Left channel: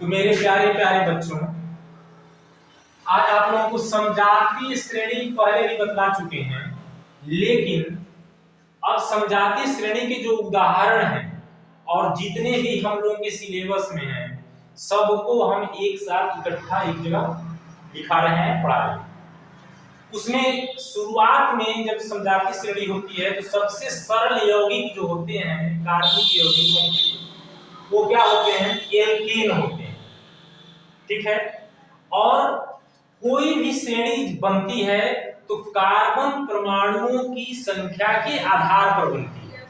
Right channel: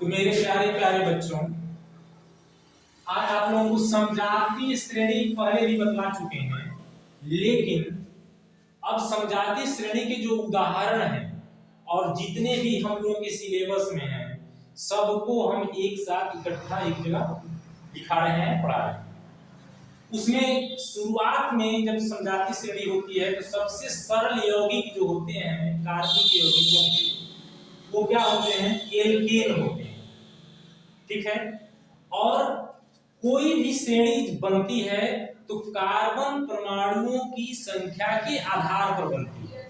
तो मेरे प्यारे प्यारे बच्चों, आज आप लोगों को समजातीय श्रेणी पहले भी बतला चुके हैं, लेकिन अब समजातीय श्रेणी के जो उदाहरण हैं और जितने भी हम लोगों के सिलेबस में हैं, सबको हम एक साथ इकट्ठा एक जगह लिखा रहे हैं, पढ़ा रहे हैं। उसमें शुरुआत में जब समजातीय श्रेणी होती है तो सबसे सरल यौगिक जो होते हैं, कार्बनिक यौगिक, वो क्या होते हैं? एल्केन होते हैं। ठीक है। और कोई भी श्रेणी बनती है तो कार्बन परमाणुओं की संख्या के आधार पर बनती है।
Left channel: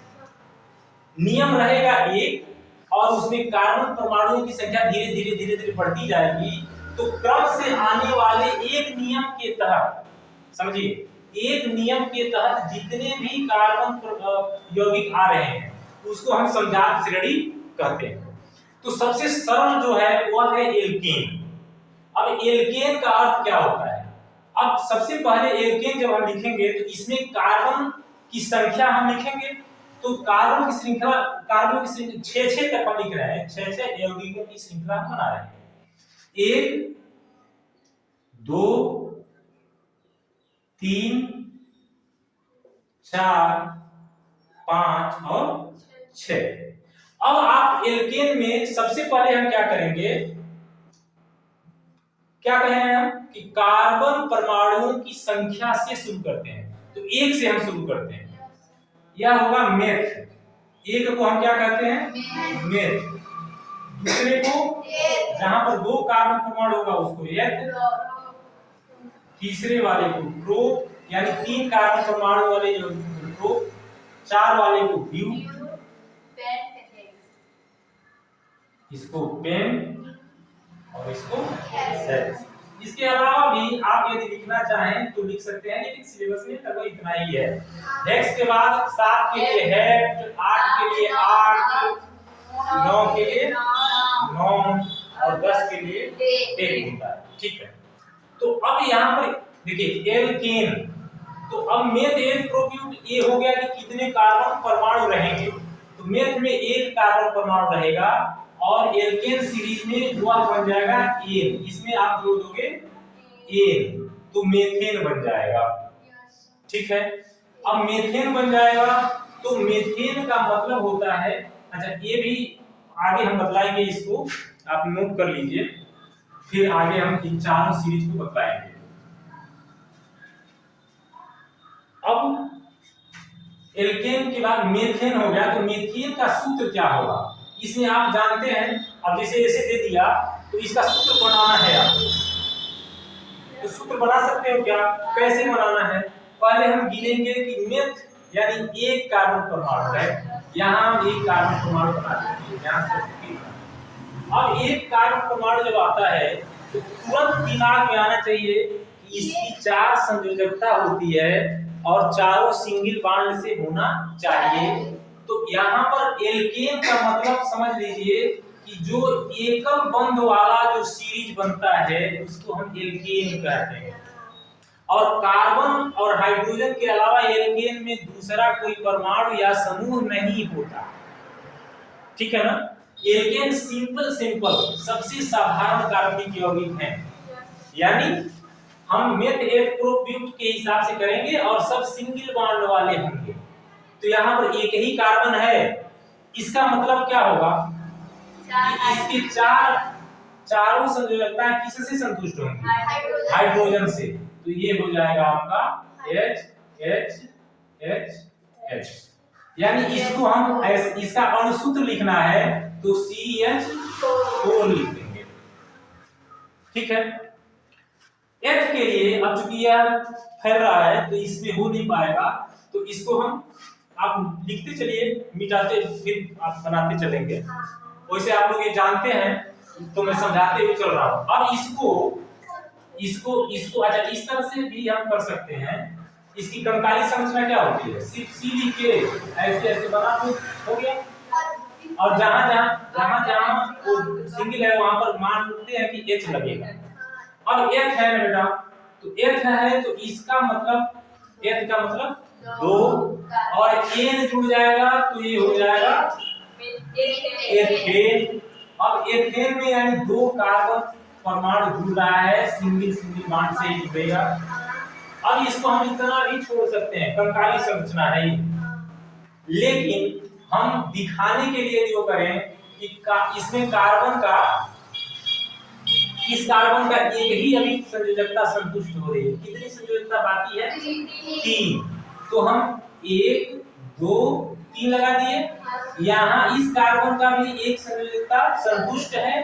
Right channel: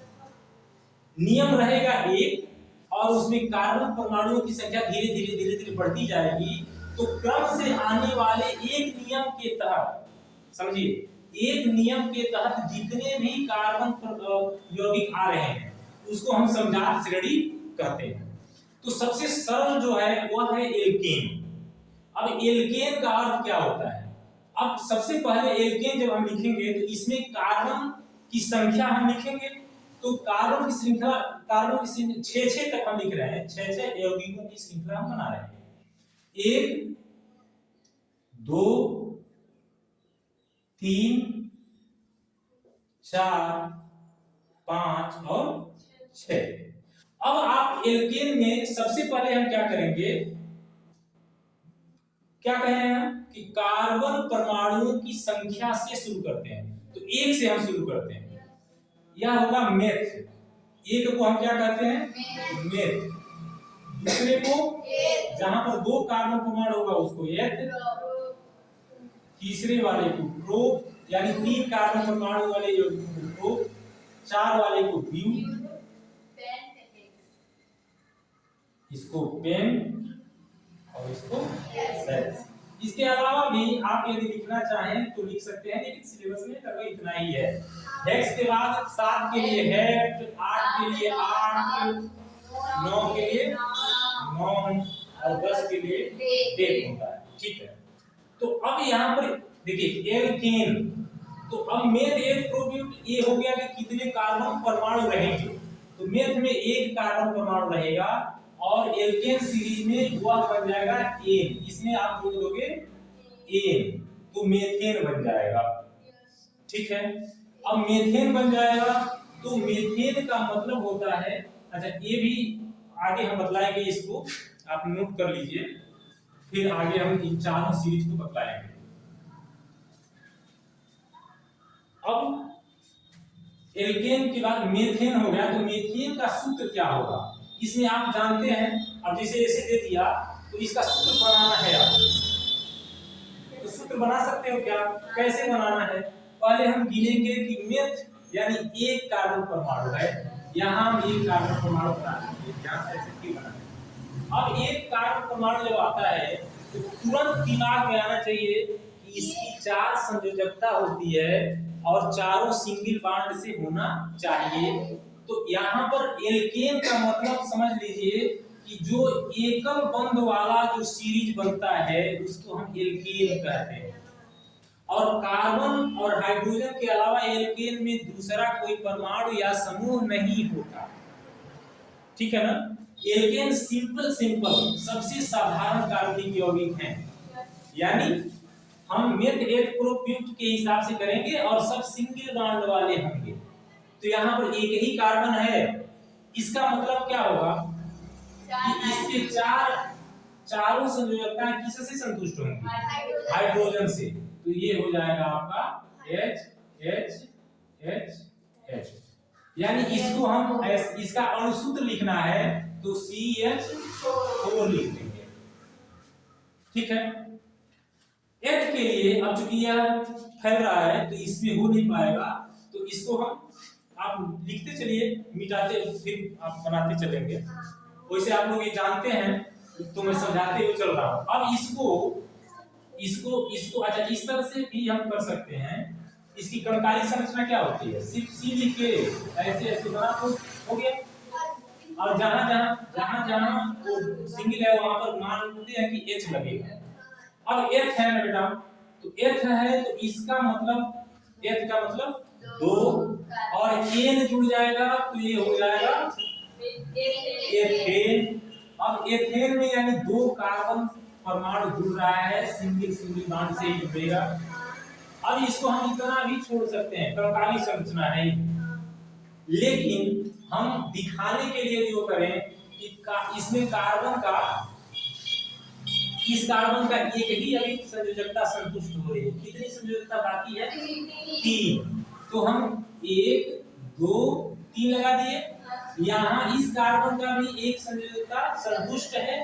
नियम रहेगा एक, और उसमें कार्बन परमाणुओं की संख्या धीरे धीरे धीरे धीरे बढ़ती जाएगी। तो क्रम से आने वाले एक नियम के तहत, समझिए, एक नियम के तहत जितने भी कार्बन यौगिक आ रहे हैं उसको हम समजात श्रेणी कहते हैं। तो सबसे सरल जो है वह है एल्केन। अब एल्केन का अर्थ क्या होता है? अब सबसे पहले एल्केन जब हम लिखेंगे तो इसमें कार्बन की संख्या हम लिखेंगे। तो कार्बन की श्रृंखला 6 तक हम लिख रहे हैं, 6 यौगिकों की श्रृंखला हम बना रहे हैं। 1 2 3 4 5 और 6। अब आप एल्केन में सबसे पहले हम क्या करेंगे, क्या कहें हम कि कार्बन परमाणुओं की संख्या से शुरू करते हैं। तो 1 से हम शुरू करते हैं, यह होगा मेथ। एक को हम क्या कहते हैं? मेथ। दूसरे को जहां पर 2 कार्बन परमाणु होगा उसको एथ। तीसरे वाले को प्रो, यानी 3 कार्बन परमाणु वाले यौगिक को प्रो, 4 वाले को ब्यू, इसको पेन और इसको सेक्स। इसके अलावा भी आप यदि लिखना चाहें तो लिख सकते हैं, लेकिन सिलेबस में लगभग इतना ही है। हेक्स के बाद 7 के लिए हेक्ट, 8 के लिए आर्ट, 9 के लिए नॉन और 10 के लिए डेक होता है। ठीक है। तो अब यहाँ पर देखिए एल्केन, तो अब मेथ एथ प्रोब्यूट ये हो गया कि कितने कार्बन परमाणु रहेंगे। तो मेथ में 1 कार्बन परमाणु रहेगा और एल्केन सीरीज में वह बन जाएगा एन। इसमें आप जोड़ दोगे एन तो मेथेन बन जाएगा। ठीक है। अब मेथेन बन जाएगा तो मेथेन का मतलब होता है, अच्छा ये भी आगे हम बतलाएंगे, इसको आप नोट कर लीजिए, फिर आगे हम इन चारों सीरीज को बतलाएंगे। अब एल्केन के बाद मेथेन हो गया, तो मेथेन का सूत्र क्या होगा इसमें आप जानते हैं। अब जैसे ऐसे दे दिया तो इसका सूत्र बनाना है आपको। तो सूत्र बना सकते हो क्या? कैसे बनाना है? पहले हम गिनेंगे कि मेथ यानी 1 कार्बन परमाणु है, यहाँ हम 1 कार्बन परमाणु बना देंगे, यहाँ से बना। अब 1 कार्बन परमाणु जब आता है तो तुरंत दिमाग में आना चाहिए कि इसकी 4 संयोजकता होती है और चारों सिंगल बॉन्ड से होना चाहिए। तो यहाँ पर एल्केन का मतलब समझ लीजिए कि जो एकल बंध वाला जो सीरीज बनता है उसको हम एल्केन कहते हैं। और कार्बन और हाइड्रोजन के अलावा एल्केन में दूसरा कोई परमाणु या समूह नहीं होता। ठीक है ना। एल्केन सिंपल सबसे साधारण कार्बनिक यौगिक हैं, यानी हम मेथ एथ प्रोब्यूट के हिसाब से करेंगे और सब सिंगल बॉन्ड वाले होंगे। तो यहाँ पर एक ही कार्बन है, इसका मतलब क्या होगा कि इसके चारों संयोजकता किससे संतुष्ट होंगी? हाइड्रोजन से। तो ये हो जाएगा आपका H H H H, यानी इसको हम इसका अणुसूत्र लिखना है तो CH4 लिख देंगे। ठीक है। H के लिए अब चूंकि यह फैल रहा है तो इसमें हो नहीं पाएगा, तो इसको हम आप लिखते चलिए, मिटाते फिर आप बनाते चलेंगे। वैसे आप लोग ये जानते हैं तो मैं समझाते हुए चल रहा हूं। अब इसको अच्छा इस तरह से भी हम कर सकते हैं। इसकी कंकाली संरचना क्या होती है? सिर्फ सी लिख के ऐसे ऐसे बना तो हो गया। और जहां वो सिंगल है वहां पर मानते हैं कि H लगेगा। अब H है ना बेटा, तो H है तो इसका मतलब H का मतलब 2 और N जुड़ जाएगा तो ये हो जाएगा एथेन। अब एथेन में यानी 2 कार्बन परमाणु जुड़ रहा है, सिंगल सिंगल बॉन्ड से ही जुड़ेगा। अब इसको हम इतना भी छोड़ सकते हैं, कंकाली संरचना है ये। लेकिन हम दिखाने के लिए जो करें कि इसमें कार्बन का, इस कार्बन का एक ही अभी संयोजकता संतुष्ट हो रही है। कितनी संयोजकता बाकी है? 3। तो हम 1 2 3 लगा दिए। यहाँ इस कार्बन का भी एक संयोजकता संतुष्ट है,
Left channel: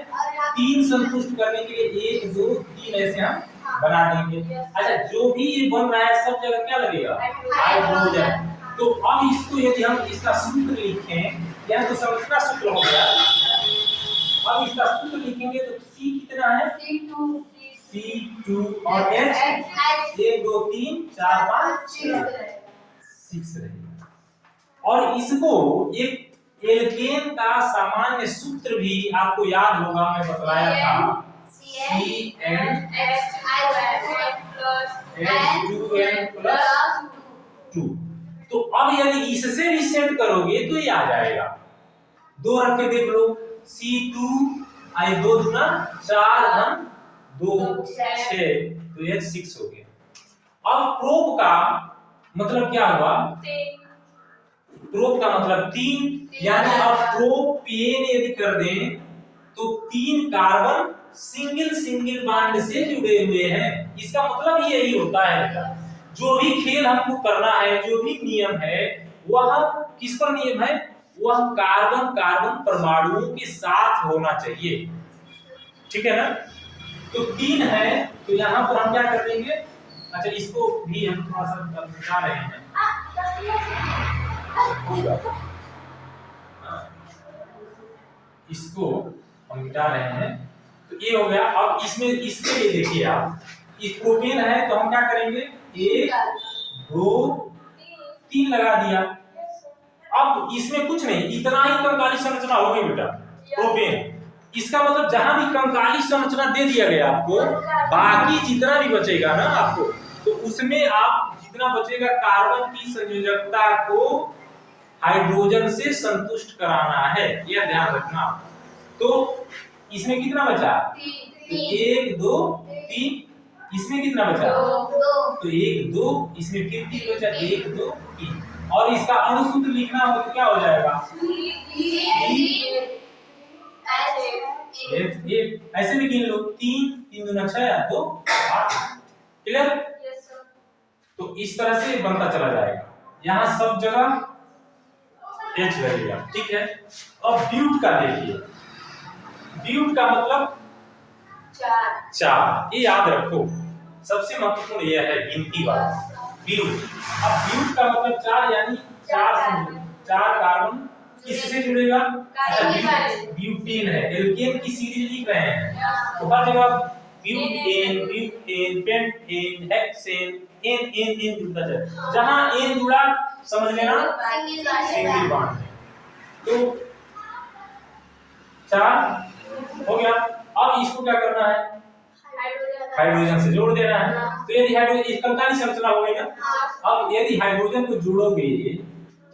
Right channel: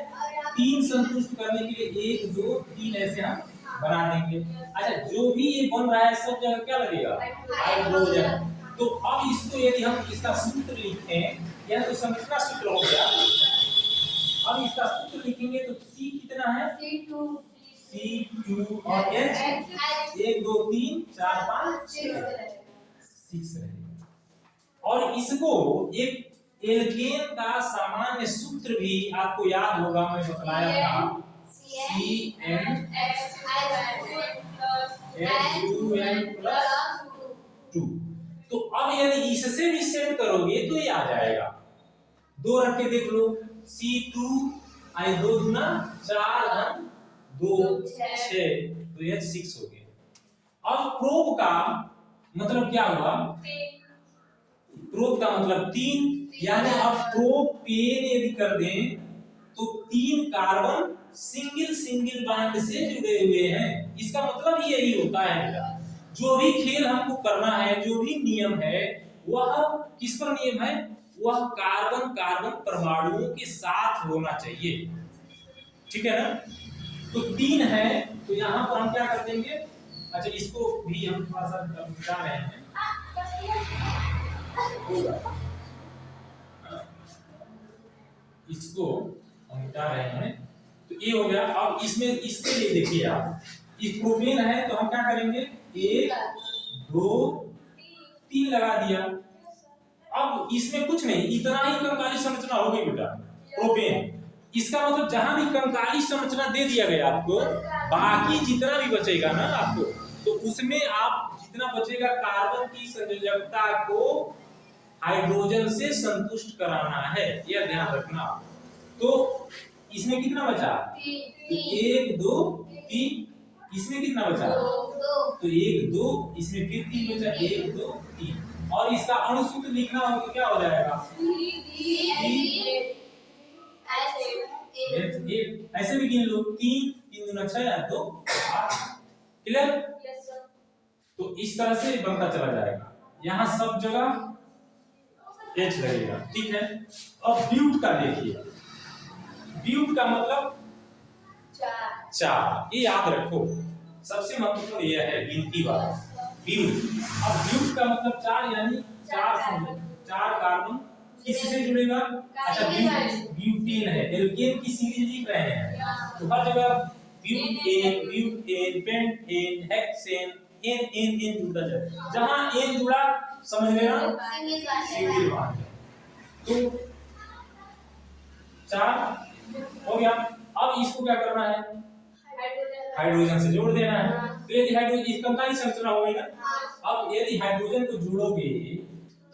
3 संतुष्ट करने के लिए 1 2 3 ऐसे हम बना देंगे। अच्छा, जो भी ये बन रहा है सब जगह क्या लगेगा? हाइड्रोजन। तो अब इसको यदि हम इसका सूत्र लिखें, या तो संरचना सूत्र हो गया, अब इसका सूत्र लिखेंगे तो C कितना है? C2 और H 1 2 3 4 5 6 रहेगा। और इसको एक एल्केन का सामान्य सूत्र भी आपको याद होगा, मैं बतलाया था, CnH2n+2। तो अब यदि इससे भी सेट करोगे तो ये आ जाएगा। 2 रख के देख लो, C2 आई 2 दूना 4 हम 2 6, तो ये 6 हो गया। अब प्रोप का मतलब क्या हुआ? प्रोप का मतलब 3, यानी अब प्रोपेन यदि कर दें तो 3 कार्बन सिंगल सिंगल बॉन्ड से जुड़े हुए हैं। इसका मतलब यही होता है बेटा, जो भी खेल हमको करना है, जो भी नियम है, वह किस पर नियम है? वह कार्बन कार्बन परमाणुओं के साथ होना चाहिए, ठीक है ना? तो 3 है, तो यहाँ पर हम क्या कर देंगे? अच्छा, इसको भी हम थोड़ा सा मिटा रहे हैं, इसको हम मिटा रहे हैं, तो ये हो गया। अब इसमें इसके लिए देखिए आप, इस प्रोपेन है तो हम क्या करेंगे? 1 2 3 लगा दिया। अब इसमें कुछ नहीं, इतना ही कंकाली संरचना हो गई बेटा प्रोपेन। इसका मतलब जहां भी कंकाली संरचना दे दिया गया आपको, बाकी जितना भी बचेगा ना आपको, तो उसमें आप जितना बचेगा कार्बन की संयोजकता को हाइड्रोजन से संतुष्ट कराना है, यह ध्यान रखना। तो इसमें कितना बचा? 1 2 3। इसमें कितना बचा? 2। तो 1 2, इसमें फिर 3 बचा, 1 2 3। और इसका अणुसूत्र लिखना हो तो क्या हो जाएगा? ऐसे भी गिन लो, 3 3 दूना 6 2 8। क्लियर? तो इस तरह से बनता चला जाएगा, यहाँ सब जगह H लगेगा, ठीक है। अब ब्यूट का देखिए, ब्यूट का मतलब 4, ये याद रखो, सबसे महत्वपूर्ण यह है गिनती वाला ब्यूट। अब ब्यूट का मतलब 4, यानी 4 कार्बन किससे जुड़ेगा? अच्छा, ब्यूटेन है, एल्केन की सीरीज लिख रहे हैं तो हर जगह ब्यूटेन ब्यूटेन पेंटेन हेक्सेन एन जुड़ता जाए, जहां एन जुड़ा समझ लेना सिंगल बॉन्ड है। तो 4 हो गया। अब इसको क्या करना है? हाइड्रोजन से जोड़ देना है। तो यदि हाइड्रोजन, इस कंकाली संरचना हो गई ना। अब यदि हाइड्रोजन को जोड़ोगे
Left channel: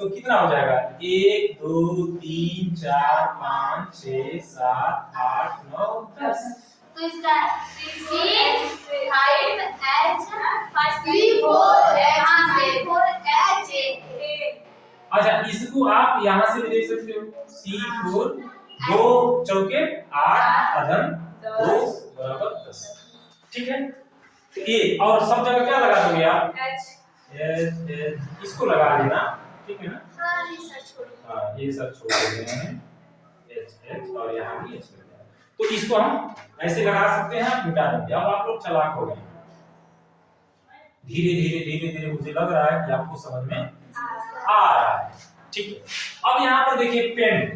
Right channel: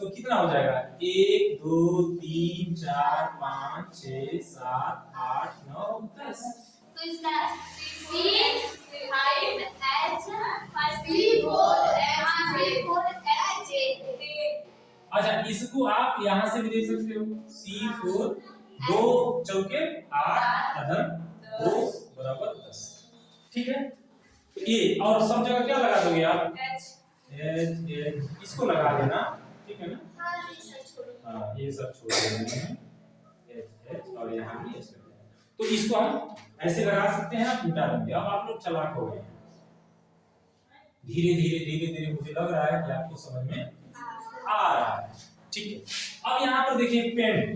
तो कितना हो जाएगा? 1 2 3 4 5 6 7 8 9 10। तो इसका अच्छा, इसको आप यहाँ से भी देख सकते हो, C4 2 चौके 8 अधन 2 बराबर 10, ठीक है। तो ये और सब जगह क्या लगा दोगे आप? H इसको लगा देना, ठीक है ना? हाँ, ये सब छोड़ देना है, H और यहाँ भी H लगा। तो इसको हम ऐसे लगा सकते हैं, मिटा देंगे। अब आप लोग चालाक हो गए, धीरे धीरे मुझे लग रहा है कि आपको समझ में आ रहा है, ठीक है। अब यहाँ पर देखिए पेंट,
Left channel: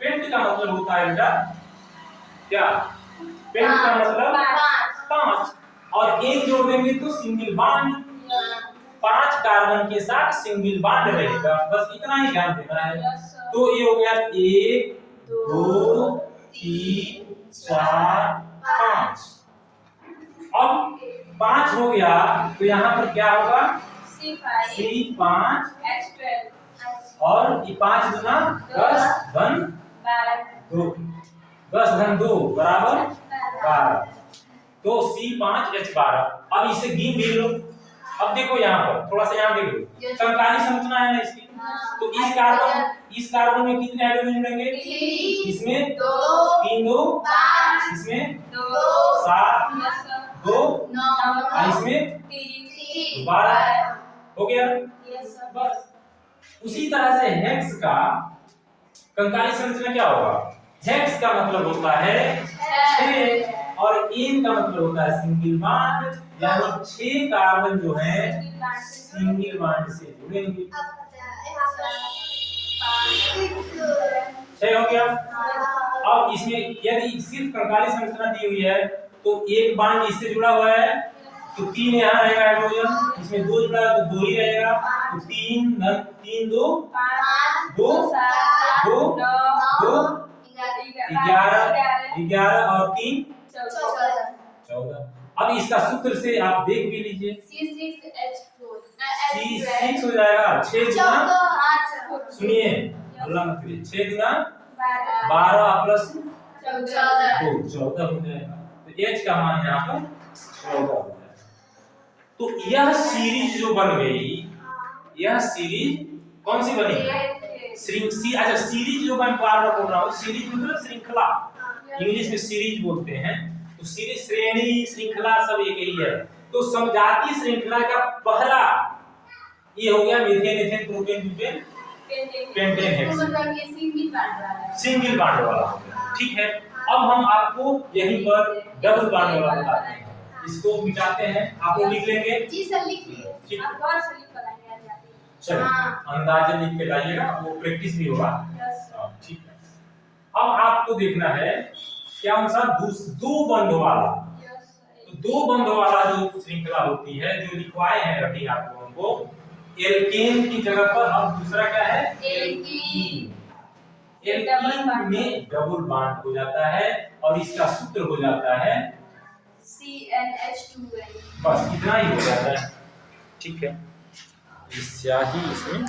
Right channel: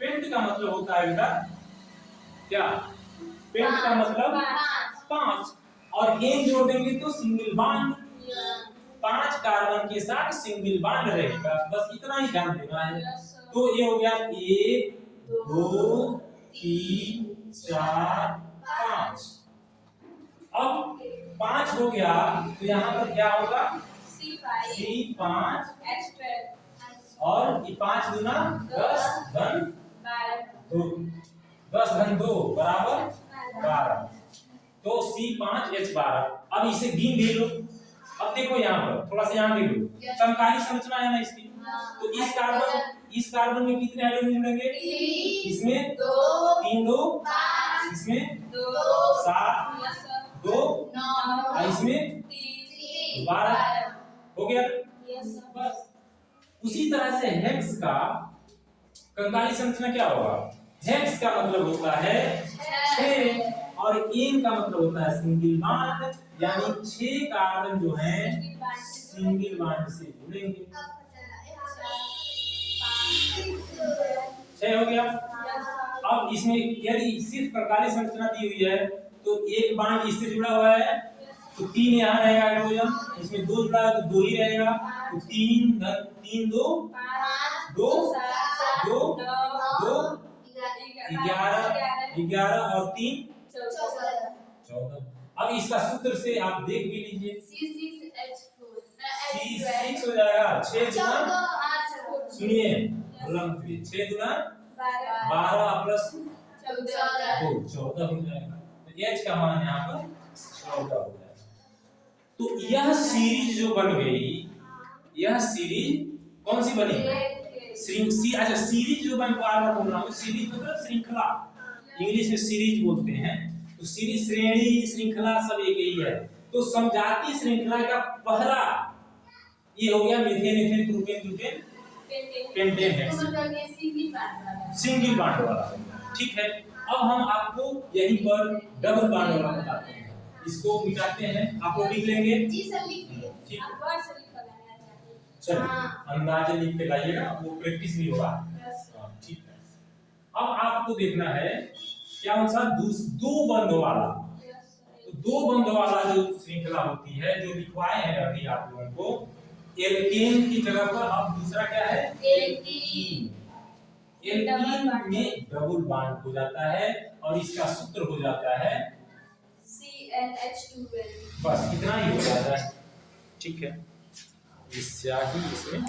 पेंट का मतलब होता है बेटा क्या? पेंट का मतलब 5, और एन जोड़ देंगे तो सिंगल बॉन्ड, 5 कार्बन के साथ सिंगल बॉन्ड रहेगा, बस इतना ही ध्यान देना है। तो ये हो गया 1 2 3 4 5। अब 5 हो गया तो यहाँ पर क्या होगा? C5 और 5 दूना 10 1 2, 10 घन 2 बराबर 12। तो C5H12। अब इसे गिन भी लो। अब देखो यहाँ पर थोड़ा सा यहाँ देख लो, समकालीन संरचना है ना इसकी। तो इस कार्बन में कितने हाइड्रोजन जुड़ेंगे? इसमें 3 2 5, इसमें 7 2 9, इसमें 12 हो गया। बस उसी तरह से हेक्स का कंकाली संरचना क्या होगा? हेक्स का मतलब होता है 6 और एन का मतलब होता है सिंगल बॉन्ड, यानी 6 कार्बन जो है सिंगल बॉन्ड से जुड़ेंगे। 6 हो गया। अब इसमें यदि सिर्फ कंकाली संरचना दी हुई है तो एक बॉन्ड इससे जुड़ा हुआ है तो 3 यहाँ रहेगा हाइड्रोजन, इसमें 2 जुड़ा है तो 2 ही रहेगा। तो 3 3 2 5 2 2 2 11 और 3 14। अब इसका सूत्र से आप देख भी लीजिए, C6 हो जाएगा 6 गुना, सुनिए अल्लाह मत करिए, 6 गुना 12 प्लस 14 हो जाएगा। तो H का मान यहाँ पर 14 हो जाएगा। तो यह सीरीज जो बन गई, यह सीरीज कौन सी बनी? अच्छा सीरीज जो मैं बार बार बोल रहा हूँ, सीरीज मतलब श्रृंखला, इंग्लिश में सीरीज बोलते हैं। तो सीरीज श्रेणी श्रृंखला सब एक ही है। तो समजातीय श्रृंखला का पहला ये हो गया methane ethane propane butane pentane hexane, single bond वाला हो गया। ठीक है, अब हम आपको यहीं पर डबल बॉन्ड वाला बताते हैं, इसको मिटाते हैं। आप लोग लिख लेंगे? जी सर लिख लीजिए। ठीक, आप बहुत से लिख बनाएंगे आज जाते हैं। चलिए अंदाजा लिख के लाइएगा, वो प्रैक्टिस भी होगा। ठीक है, अब आपको देखना है क्या सा दो बंध वाला। तो 2 बंध वाला जो श्रृंखला होती है, जो लिखवाए हैं अभी आप लोगों को, एल्केन की जगह पर अब दूसरा क्या है? एल्कीन। एल्कीन में डबल बॉन्ड हो जाता है और इसका सूत्र हो जाता है CnH2n। बस इतना ही हो जाता है। ठीक है, स्याही इसमें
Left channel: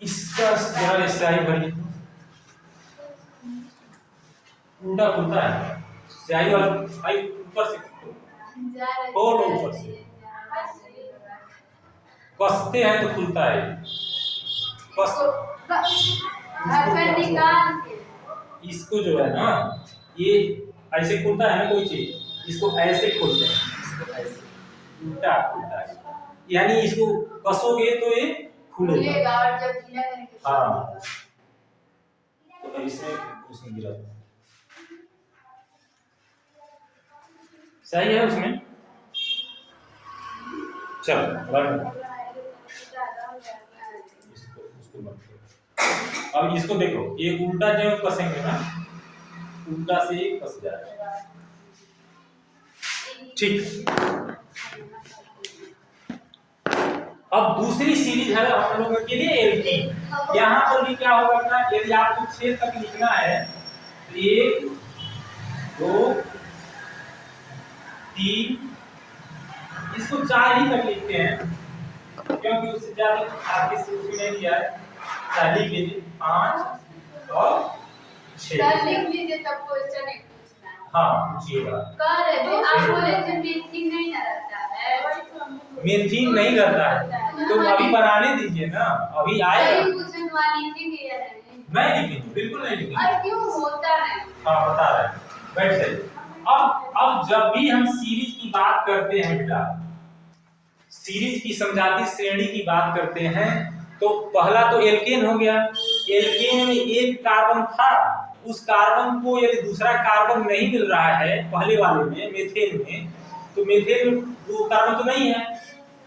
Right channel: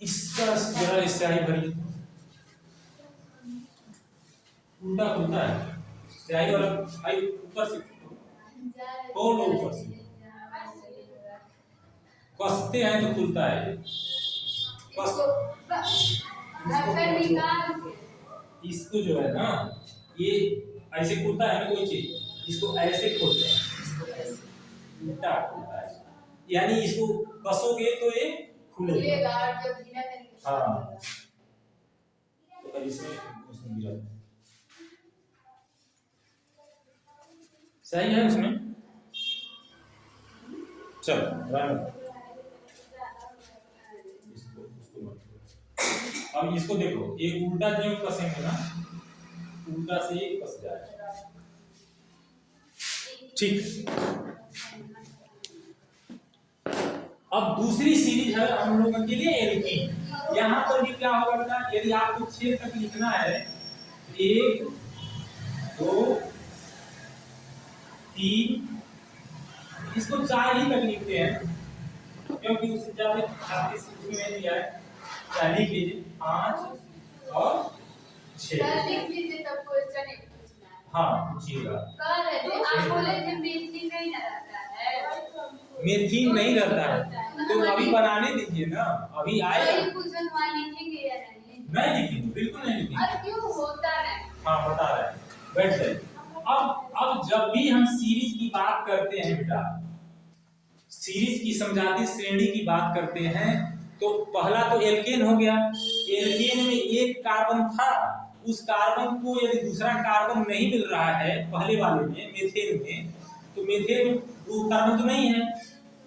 इसका जरा स्याही भरी, उल्टा खुलता है स्याही वाला भाई, ऊपर से खोलो, ऊपर से कसते हैं तो खुलता है। इसको जो है ना, ये ऐसे खुलता है ना कोई चीज, इसको ऐसे खोलते हैं, इसको ऐसे उल्टा खुलता है, यानी इसको कसोगे तो ये खुलेगा और जब ढीला करेंगे हाँ। तो इसमें उसमें गिरा सही है उसमें। चलो इसको मत, अब इसको देखो, एक उल्टा जो कसेंगे ना, उल्टा से एक कस जाएगा। ठीक, अब दूसरी सीरीज है हम लोगों के लिए एल्कीन। यहाँ पर भी क्या होगा, यदि आपको 6 तक लिखना है, 1 2 3, इसको 4 ही तक लिखते हैं क्योंकि उससे ज्यादा आपके से उसमें नहीं दिया है। 4 लिख लीजिए, 5 और 6 लिख लीजिए, तब क्वेश्चन एक पूछना है। हाँ पूछिएगा। तो आप बोले थे मीथिन नहीं रहता है, मीथिन नहीं रहता है तो अभी बनाने दीजिए ना, अभी आएगा। क्वेश्चन वाली लिखेंगे या नहीं लिखेंगे, बिल्कुल नहीं लिखेंगे। और क्यों होता है? हाँ बता रहे हैं, बैठ जाइए। अब जब भी हम सीरीज की बात करते हैं बेटा, सीरीज की समजातीय श्रेणी की बात करते हैं, तो पहला तो एल्केन हो गया। एल्केन में एक कार्बन था, उस कार्बन को यदि दूसरा कार्बन नहीं मिल रहा है पहले वाले में मीथेन में, तो मीथेन में दो कार्बन तो नहीं है,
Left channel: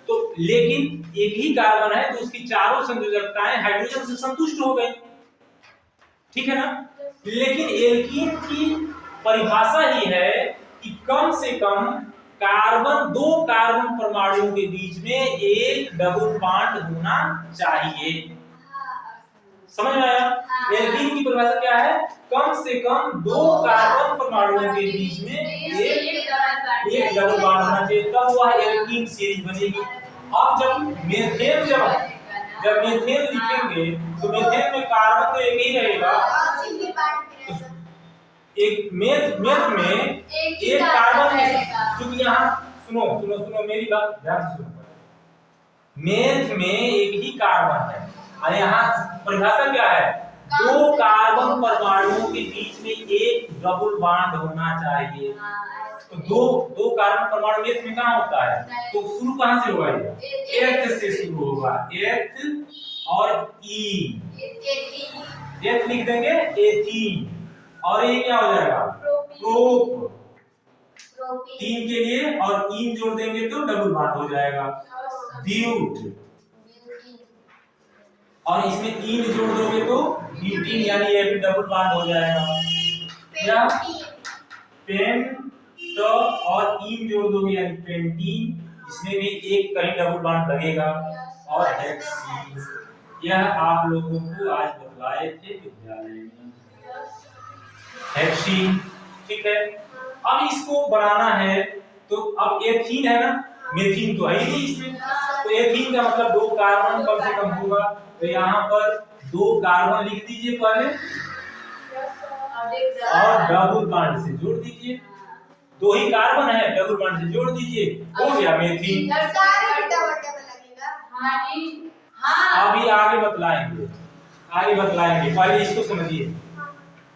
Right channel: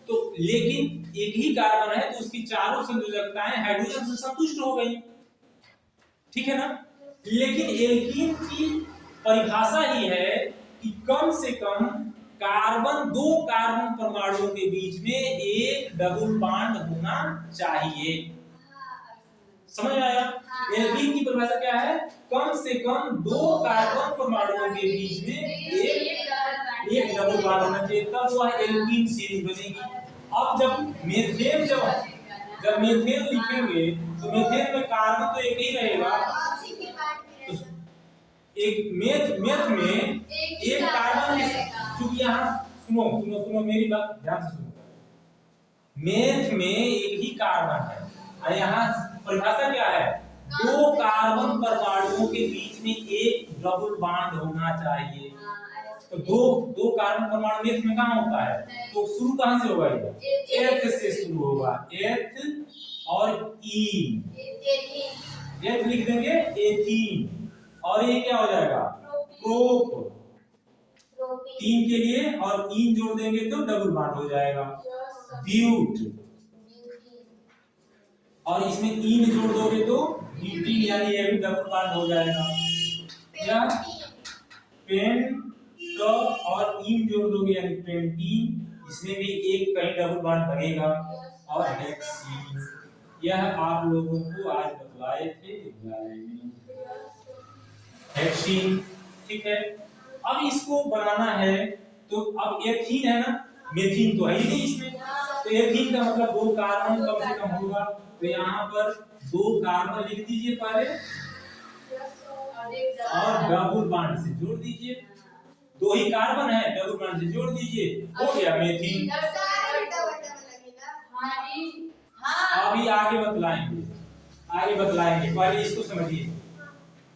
तो लेकिन एक ही कार्बन है, तो उसकी चारों संयोजकताएं हाइड्रोजन से संतुष्ट हो गई। ठीक है ना। लेकिन एल्कीन की परिभाषा ही है कि कम से कम कार्बन, 2 कार्बन परमाणुओं के बीच में एक डबल बॉन्ड होना चाहिए। समझ में आया? एल्कीन की परिभाषा क्या है? कम से कम 2 कार्बन परमाणुओं के बीच में एक डबल बॉन्ड होना चाहिए, तब वह एल्कीन सीरीज बनेगी। अब जब मीथेन जब मीथेन लिखेंगे तो मीथेन में कार्बन तो एक ही रहेगा, एक मेथ में एक कार्बन क्योंकि यहाँ सुनो सुनो सुनो मेरी बात ध्यान से सुनो, मेथ में एक ही कार्बन है और यहाँ परिभाषा क्या है, दो कार्बन परमाणुओं के बीच में एक डबल बॉन्ड होना चाहिए। तो दो कार्बन परमाणु मेथ में कहाँ होता है, तो शुरू कहाँ से होगा, ये एथ से शुरू होगा, एथ और ई, एथ लिख देंगे एथीन, और ये क्या हो जाएगा प्रोप, तीन के लिए और इन जोड़ देंगे तो डबल बॉन्ड हो जाएगा ब्यूट, और इसमें इन जोड़ दोगे तो ब्यूटीन, यानी ये भी डबल बॉन्ड हो जाएगा। क्या पेन तो और इन जोड़ दोगे यानी पेंटीन, इसमें भी एक कहीं डबल बॉन्ड लगेगा, और हेक्सीन। यह आप लोगों को आज बतलाए थे विद्यालय में, हेक्सीन, ठीक है। अब इसको बनाना है तो अब एथीन है ना, मेथीन तो है ही नहीं इसमें, तो एथीन का मतलब दो कार्बन कम से कम होगा, तो यहाँ पर दो कार्बन लिख दीजिए पहले और डबल बॉन्ड से जोड़ दीजिए, दो ही कार्बन है डबल बॉन्ड से जोड़ दीजिए, हो गया मेथीन। अभी आगे बतलाएंगे, पहले इसको समझिए,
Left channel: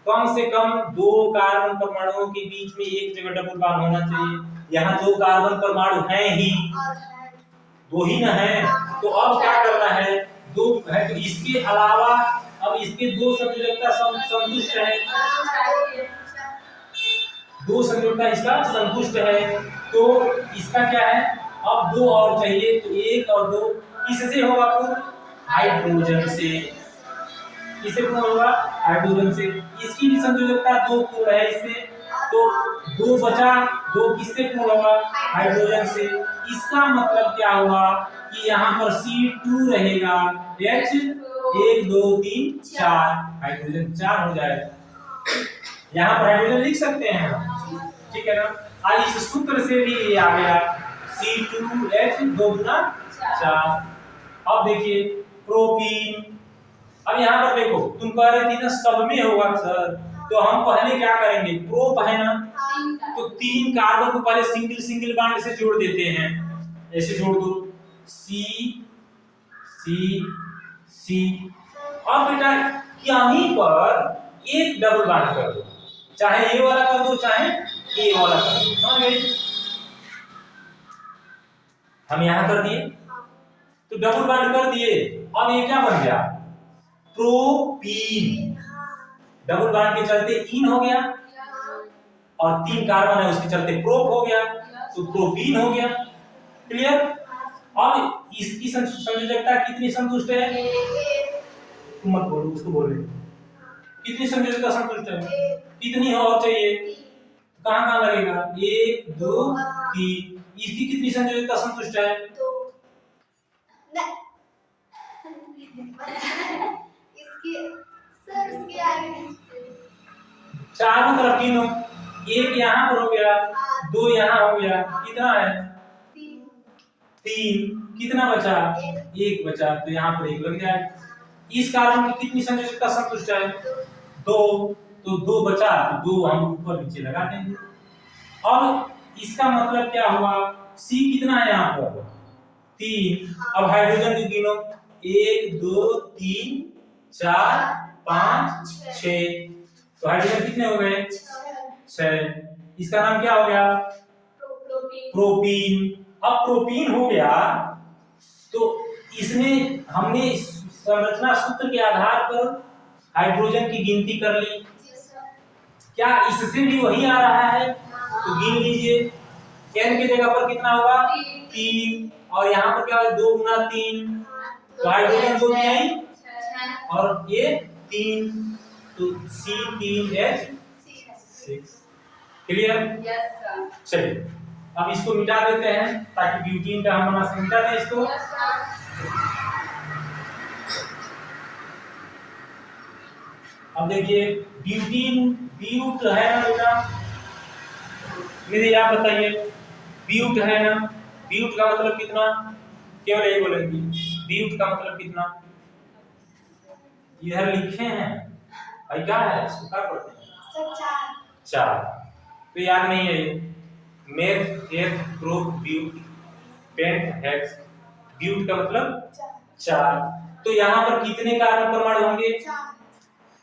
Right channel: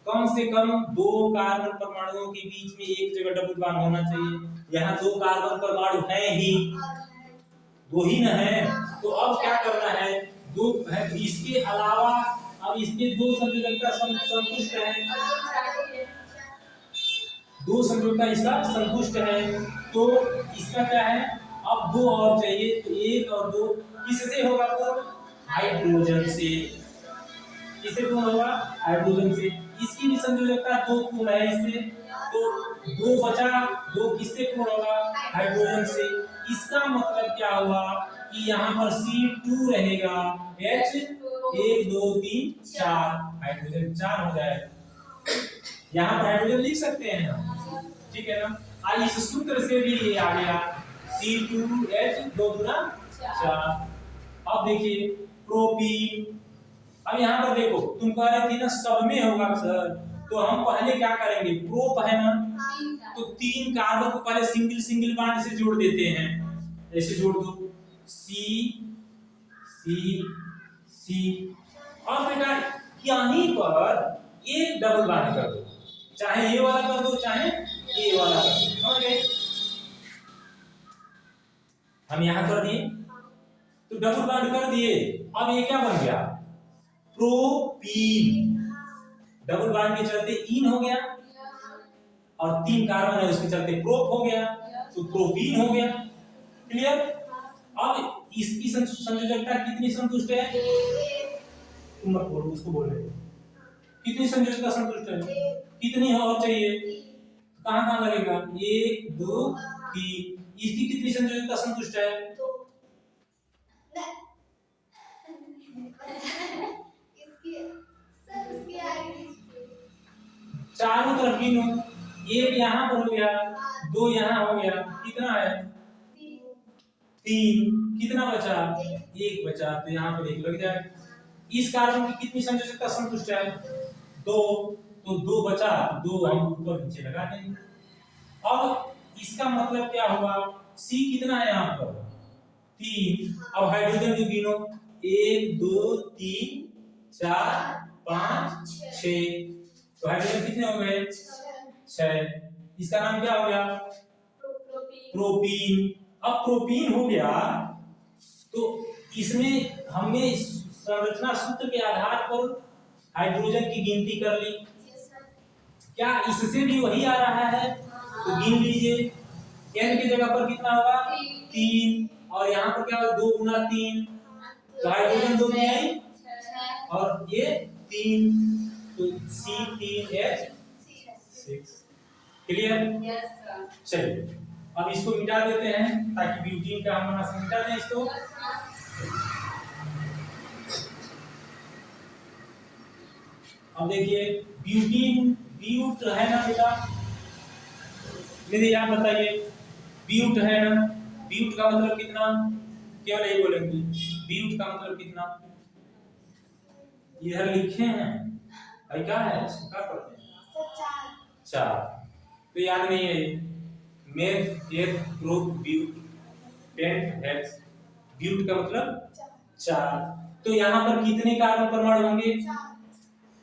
कम से कम दो कार्बन परमाणुओं के बीच में एक जगह डबल बॉन्ड होना चाहिए। यहाँ दो कार्बन परमाणु हैं ही, दो ही ना है, तो अब क्या करना है, दो है तो इसके अलावा अब इसके दो संयोजकता संतुष्ट है, दो संयोजकता इसका संतुष्ट है, तो इसका क्या है, अब दो और चाहिए, तो एक और दो किससे होगा, पूर्ण हाइड्रोजन से, किससे पूर्ण होगा, हाइड्रोजन से। इसकी भी संयोजकता दो पूर्ण है इससे, तो दो बचा, दो किससे पूर्ण होगा, हाइड्रोजन से। इसका मतलब क्या हुआ कि यहाँ पर C2 रहेगा, H 1 2 3 4, हाइड्रोजन 4 हो जाएगा। यहाँ पर हाइड्रोजन लिख सकते हैं हम, ठीक है ना। इस सूत्र से भी ये आ गया C2H 2 गुना 4। अब देखिए प्रोपीन, अब यहाँ पर देखो तुम कह रहे थी ना सब में होगा सर, तो हम पहले क्या करेंगे, प्रोप है ना, तो तीन कार्बन को पहले सिंगल सिंगल बॉन्ड से जोड़ देते हैं, ऐसे जोड़ दो C C C, अब बेटा यहीं पर एक डबल बॉन्ड कर दो, चाहे ये वाला कर दो चाहे ये वाला कर दो, समझ गए। हम यहाँ कर दिए तो डबल बॉन्ड कर दिए, अब ये क्या बन गया, प्रोपीन, डबल बॉन्ड के चलते इन हो गया और तीन कार्बन है उसके चलते प्रोप हो गया, तो प्रोपीन हो गया, क्लियर। अब इसकी संयोजकता कितनी संतुष्ट है, तुम मत बोलो, उसको बोल रहे कितनी संयोजकता संतुष्ट है, कितनी और चाहिए, कहाँ कहाँ लगेगा, 1 2 3, इसकी कितनी संयोजकता संतुष्ट है, चारों तरफ गिनो, एक यहाँ पर हो गया, दो यहाँ हो गया, कितना है 3, कितना बचा, एक बचा, तो यहाँ पर एक लग जाए। इस कार्बन की कितनी संयोजकता संतुष्ट है, 2, तो 2 बचा, तो 2 हम ऊपर नीचे लगा देंगे। अब इसका मतलब क्या हुआ, C कितना है यहाँ पर 3, अब हाइड्रोजन की गिनो 1 2 3 4 5 6, तो हाइड्रोजन कितने हो गए 6, इसका नाम क्या हो गया, प्रोपीन। अब प्रोपीन हो गया तो इसमें हमने संरचना सूत्र के आधार पर हाइड्रोजन की गिनती कर ली, क्या इससे भी वही आ रहा है, तो गिन लीजिए, n के जगह पर कितना होगा 3, और यहाँ पर क्या होगा 2 गुना 3, तो हाइड्रोजन 2 नहीं और ये 3, तो C3H 6, क्लियर। चलिए अब इसको मिटा देते हैं ताकि ब्यूटीन का हम बना मिटा दें इसको। अब देखिए ब्यूटीन, ब्यूट है ना बेटा, मेरे आप बताइए, ब्यूट है ना, ब्यूट का मतलब कितना, केवल यही बोलेंगे, ब्यूट का मतलब कितना, इधर लिखे हैं भाई, क्या है इसको क्या पढ़ते हैं? चार। तो याद नहीं है ये। Meth eth prop but pent hex. But का मतलब चार। तो यहाँ पर कितने कार्बन परमाणु होंगे?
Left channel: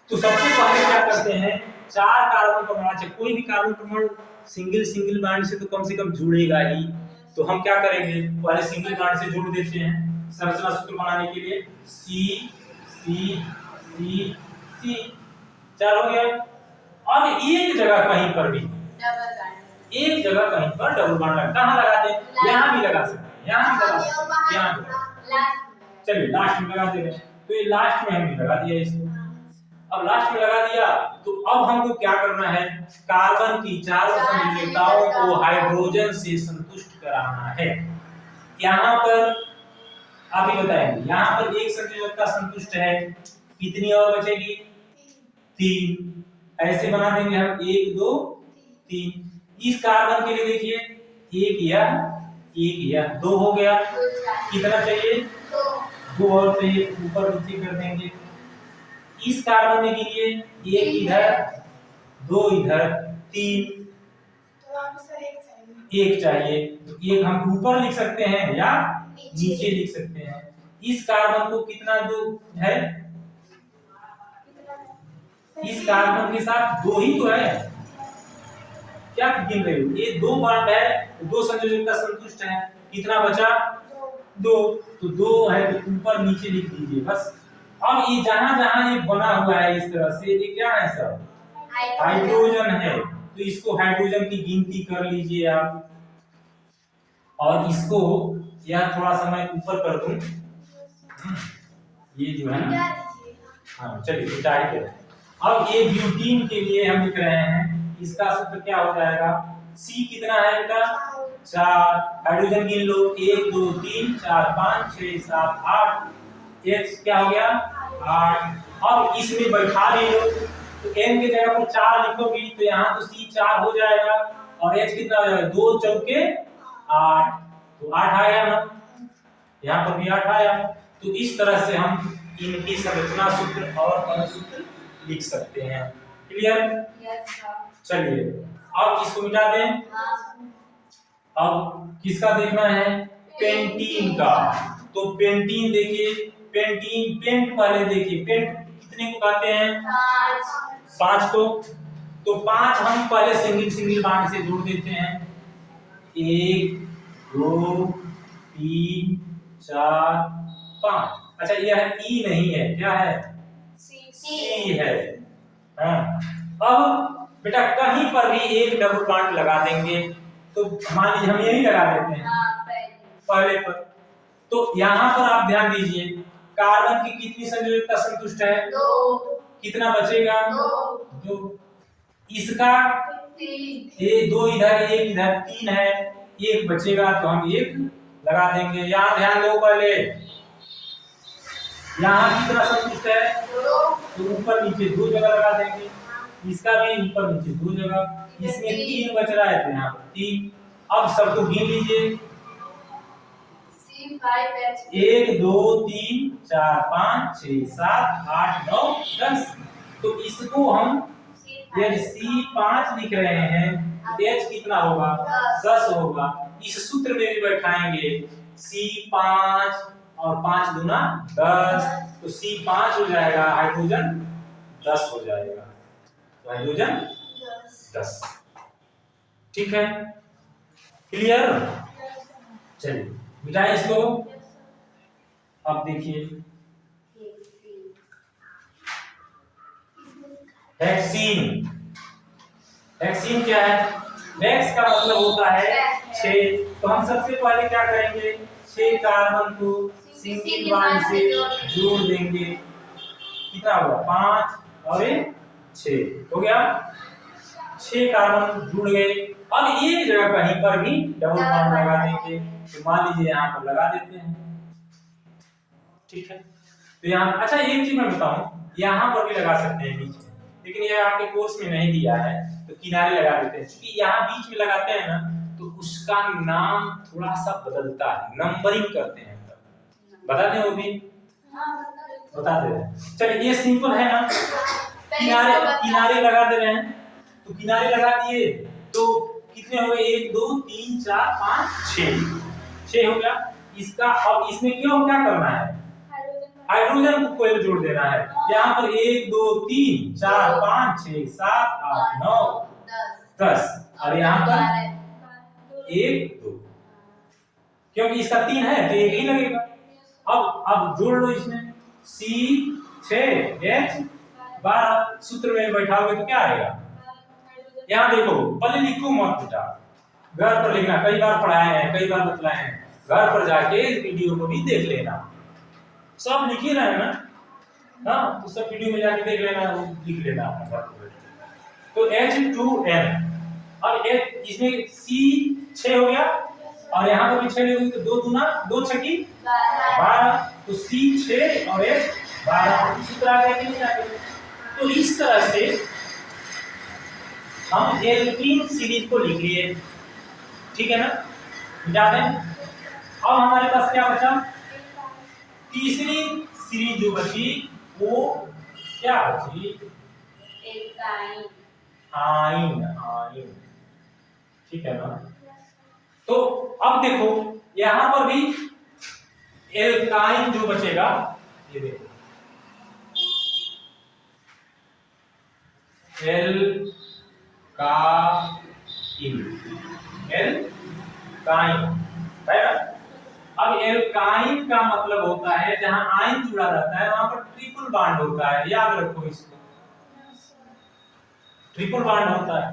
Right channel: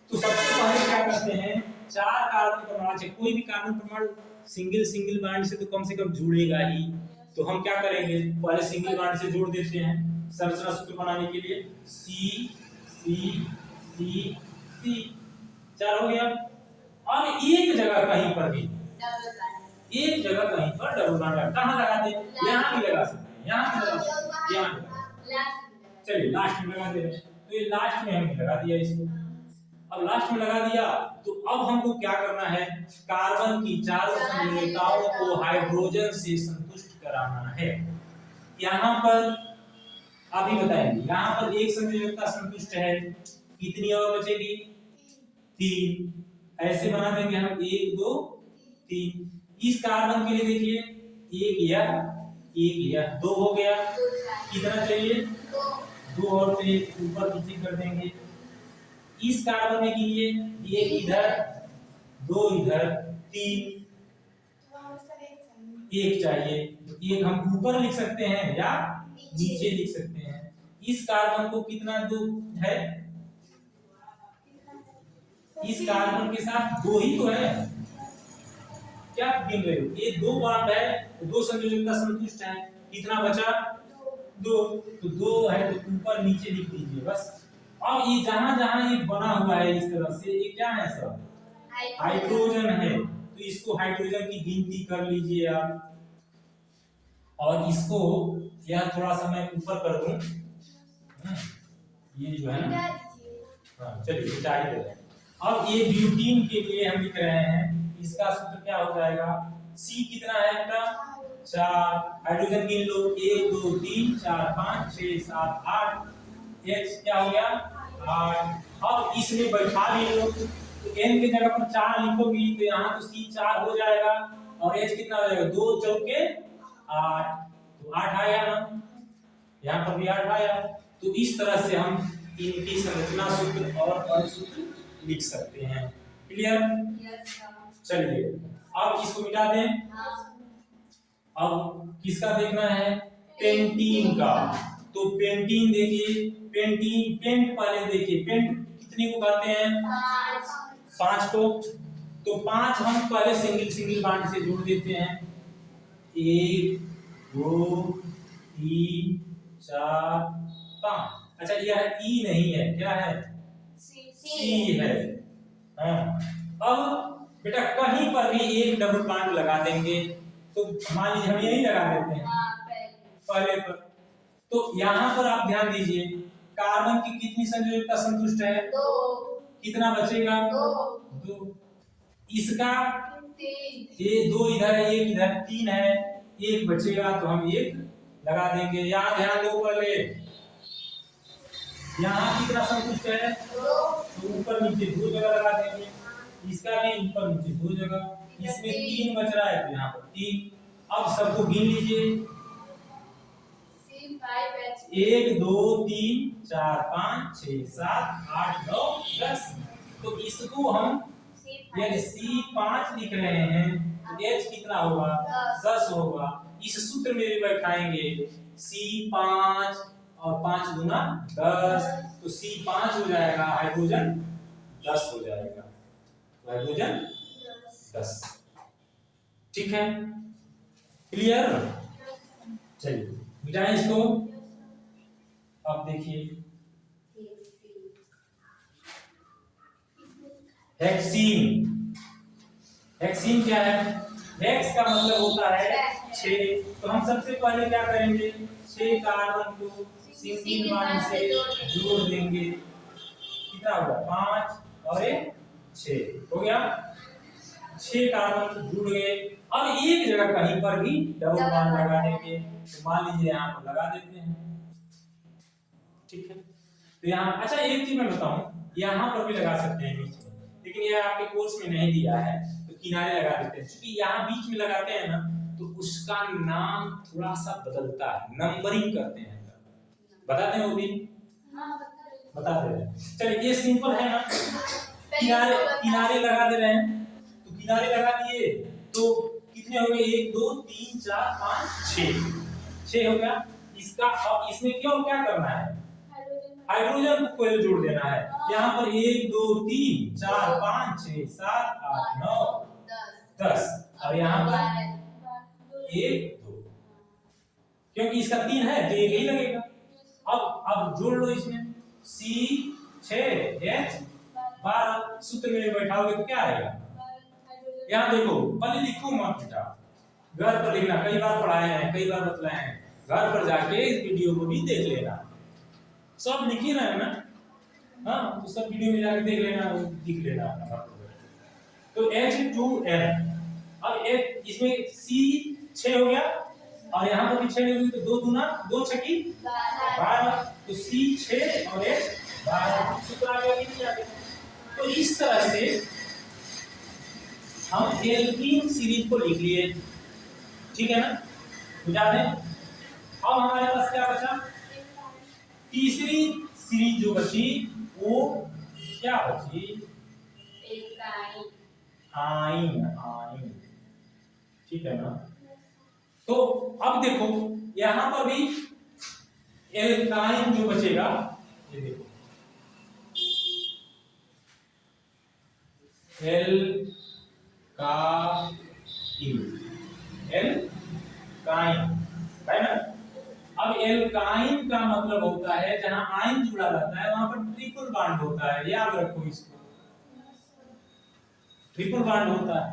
तो सबसे पहले क्या करते हैं, चार कार्बन परमाणु से कोई भी कार्बन परमाणु सिंगल बॉन्ड से तो कम से कम जुड़ेगा ही। तो हम क्या करेंगे, पहले सिंगल बॉन्ड से जोड़ देते हैं संरचना सूत्र बनाने के लिए। सी सी सी सी, चार हो गया। अब एक जगह कहीं पर भी एक जगह कहीं पर डबल बॉन्ड लगा, कहाँ लगा दें? यहाँ भी लगा सकते हैं, यहाँ भी लगा सकते हैं, यहाँ भी। चलिए लास्ट में लगा देंगे। तो ये लास्ट में हमने लगा दिया इसको। अब लास्ट में लगा दिया तो अब हमको क्या करना है, कार्बन की चारों संयोजकताओं को हाइड्रोजन से संतुष्ट कराना है। यहाँ पर आप ही बताएंगे, यहाँ पर एक संयोजकता संतुष्ट है, कितनी और बचेगी? 3। ऐसे बना देंगे हम 1 2 3। इस कार्बन के लिए देखिए एक या 2 हो गया। कितना चाहिए? 2 और चाहिए, ऊपर नीचे कर देंगे। इस कार्बन में के लिए एक इधर 2 इधर 3, एक चाहिए। तो एक हम ऊपर लिख सकते हैं या नीचे लिख सकते हैं। इस कार्बन को कितना 2 है? इस कार्बन के साथ 2 ही तो है, क्या गिन रहे हो? ये 2 बॉन्ड है तो 2 संयोजकता संतुष्ट है। कितना बचा? 2। तो 2 है तो ऊपर नीचे लिख दीजिए बस। अब ये जहां जहां ये बना हुआ है इस तरह से, ये क्या है सब? हाइड्रोजन है। तो इसको हाइड्रोजन की गिनती कर लीजिए आप। और इसको यह थोड़ा सा मैं ऊपर कर दूं, ये जो है ना, हाँ चलिए मिटा ही दे। अब ये ब्यूटीन के लिए हम लिख रहे हैं, इसका सूत्र क्या हो जाएगा? C कितना है बेटा? 4। हाइड्रोजन गिन लो, 1 2 3 4 5 6 7 8। H क्या हो गया? 8। अब इसमें बैठा भी लो, तो N की जगह पर 4 लिखोगी तो यहाँ तो C 4 हो जाएगा और H कितना हो जाएगा? 2 चौके 8। तो 8 आया ना, यहाँ पर भी 8 आया। तो इस तरह से हम इनकी संरचना सूत्र और अनुसूत्र लिख सकते हैं। क्लियर? चलिए अब इसको मिटा दें। अब किसका देखना है? पेंटीन का। तो पेंटीन देखिए, पेंटीन पेंट पहले देखिए, पेंट कितने को कहते हैं? 5 को। तो 5 हम पहले सिंगल बॉन्ड से जोड़ देते हैं। 1 2 3 4 5। अच्छा यह ई नहीं है, क्या है? सी है। हाँ। अब बेटा कहीं पर भी एक डबल बॉन्ड लगा देंगे, तो मान लीजिए हम यही लगा देते हैं पहले पर। तो यहाँ पर आप ध्यान दीजिए, कार्बन की कितनी संयोजकता संतुष्ट है? 2। कितना बचेगा? 2। इसका 2 इधर 1 इधर 3 है, 1 बचेगा तो हम 1 लगा देंगे। यहाँ ध्यान दो, पहले यहाँ कितना संतुष्ट है? 2। तो ऊपर नीचे 2 जगह लगा देंगे। इसका भी ऊपर नीचे 2 जगह, इसमें 3 बच रहा है तो यहाँ पर 3। अब सबको गिन लीजिए, 1 2 3 4 5 6 7 8 9 10। तो इसको हम यदि C5 लिख रहे हैं तो H कितना होगा? 10 होगा। इस सूत्र में भी बैठाएंगे C5 और 5 दूना 10, तो C5 हो जाएगा, हाइड्रोजन 10 हो जाएगा। तो हाइड्रोजन 10। ठीक है? क्लियर? चलिए मिटाएं इसको। अब देखिए हेक्सीन। हेक्सीन क्या है? हेक्स का मतलब होता है 6। तो हम सबसे पहले क्या करेंगे, 6 कार्बन को सिंगल बॉन्ड से जोड़ देंगे। कितना हुआ? 5 और 6 हो गया। 6 कार्बन जुड़ गए। अब एक जगह कहीं पर भी डबल बॉन्ड लगा देंगे। तो मान लीजिए यहाँ पर लगा देते हैं। ठीक है? तो यहाँ अच्छा एक चीज मैं बताऊं, यहाँ पर भी लगा सकते हैं बीच में, लेकिन यह आपके कोर्स में नहीं दिया है तो किनारे लगा देते हैं। क्योंकि यहाँ बीच में लगाते हैं ना तो उसका नाम थोड़ा सा बदलता है, नंबरिंग करते हैं। बताते हैं वो भी बता दे रहे हैं। चलिए ये सिंपल है ना, किनारे किनारे लगा दे रहे हैं, तो किनारे लगा दिए तो कितने हो गए 1 2 3 4 5 6 हो गया। इसका अब इसमें क्यों क्या करना है, हाइड्रोजन को कोई जोड़ देना है। यहाँ पर 1 2 3 4 5 6 7 8 9 10 और यहाँ पर 1 2, क्योंकि इसका 3 है तो 1 ही लगेगा। अब जोड़ लो इसमें C6H12 सूत्र में बैठाओगे तो क्या आएगा, यहाँ देखो पहले लिखो मत बेटा, घर पर लिखना, कई बार पढ़ाए हैं कई बार बतलाए हैं, घर पर जाके इस वीडियो को भी देख लेना, सब लिख ही रहे हैं ना, हाँ तो सब वीडियो में जाके देख लेना, वो लिख लेना अपने घर पर। तो H2N, अब इसमें C6 हो गया और यहाँ पर भी 6 ले तो 2 दूना 2 छकी 12, तो C6 और H12 सूत्र आ गया कि नहीं आ गया। तो इस तरह से हम एल्कीन सीरीज को लिख लिए, ठीक है ना, मिटा दें। अब हमारे पास क्या बचा, तीसरी सीरीज जो बची वो क्या बची, आइन, ठीक है ना। तो अब देखो यहां पर भी एल्काइन जो बचेगा, ये देखो एल्काइन है ना। अब एल्काइन का मतलब होता है जहां आयन जुड़ा रहता है वहां पर ट्रिपल बॉन्ड होता है, याद रखो इसको, ट्रिपल बॉन्ड होता है।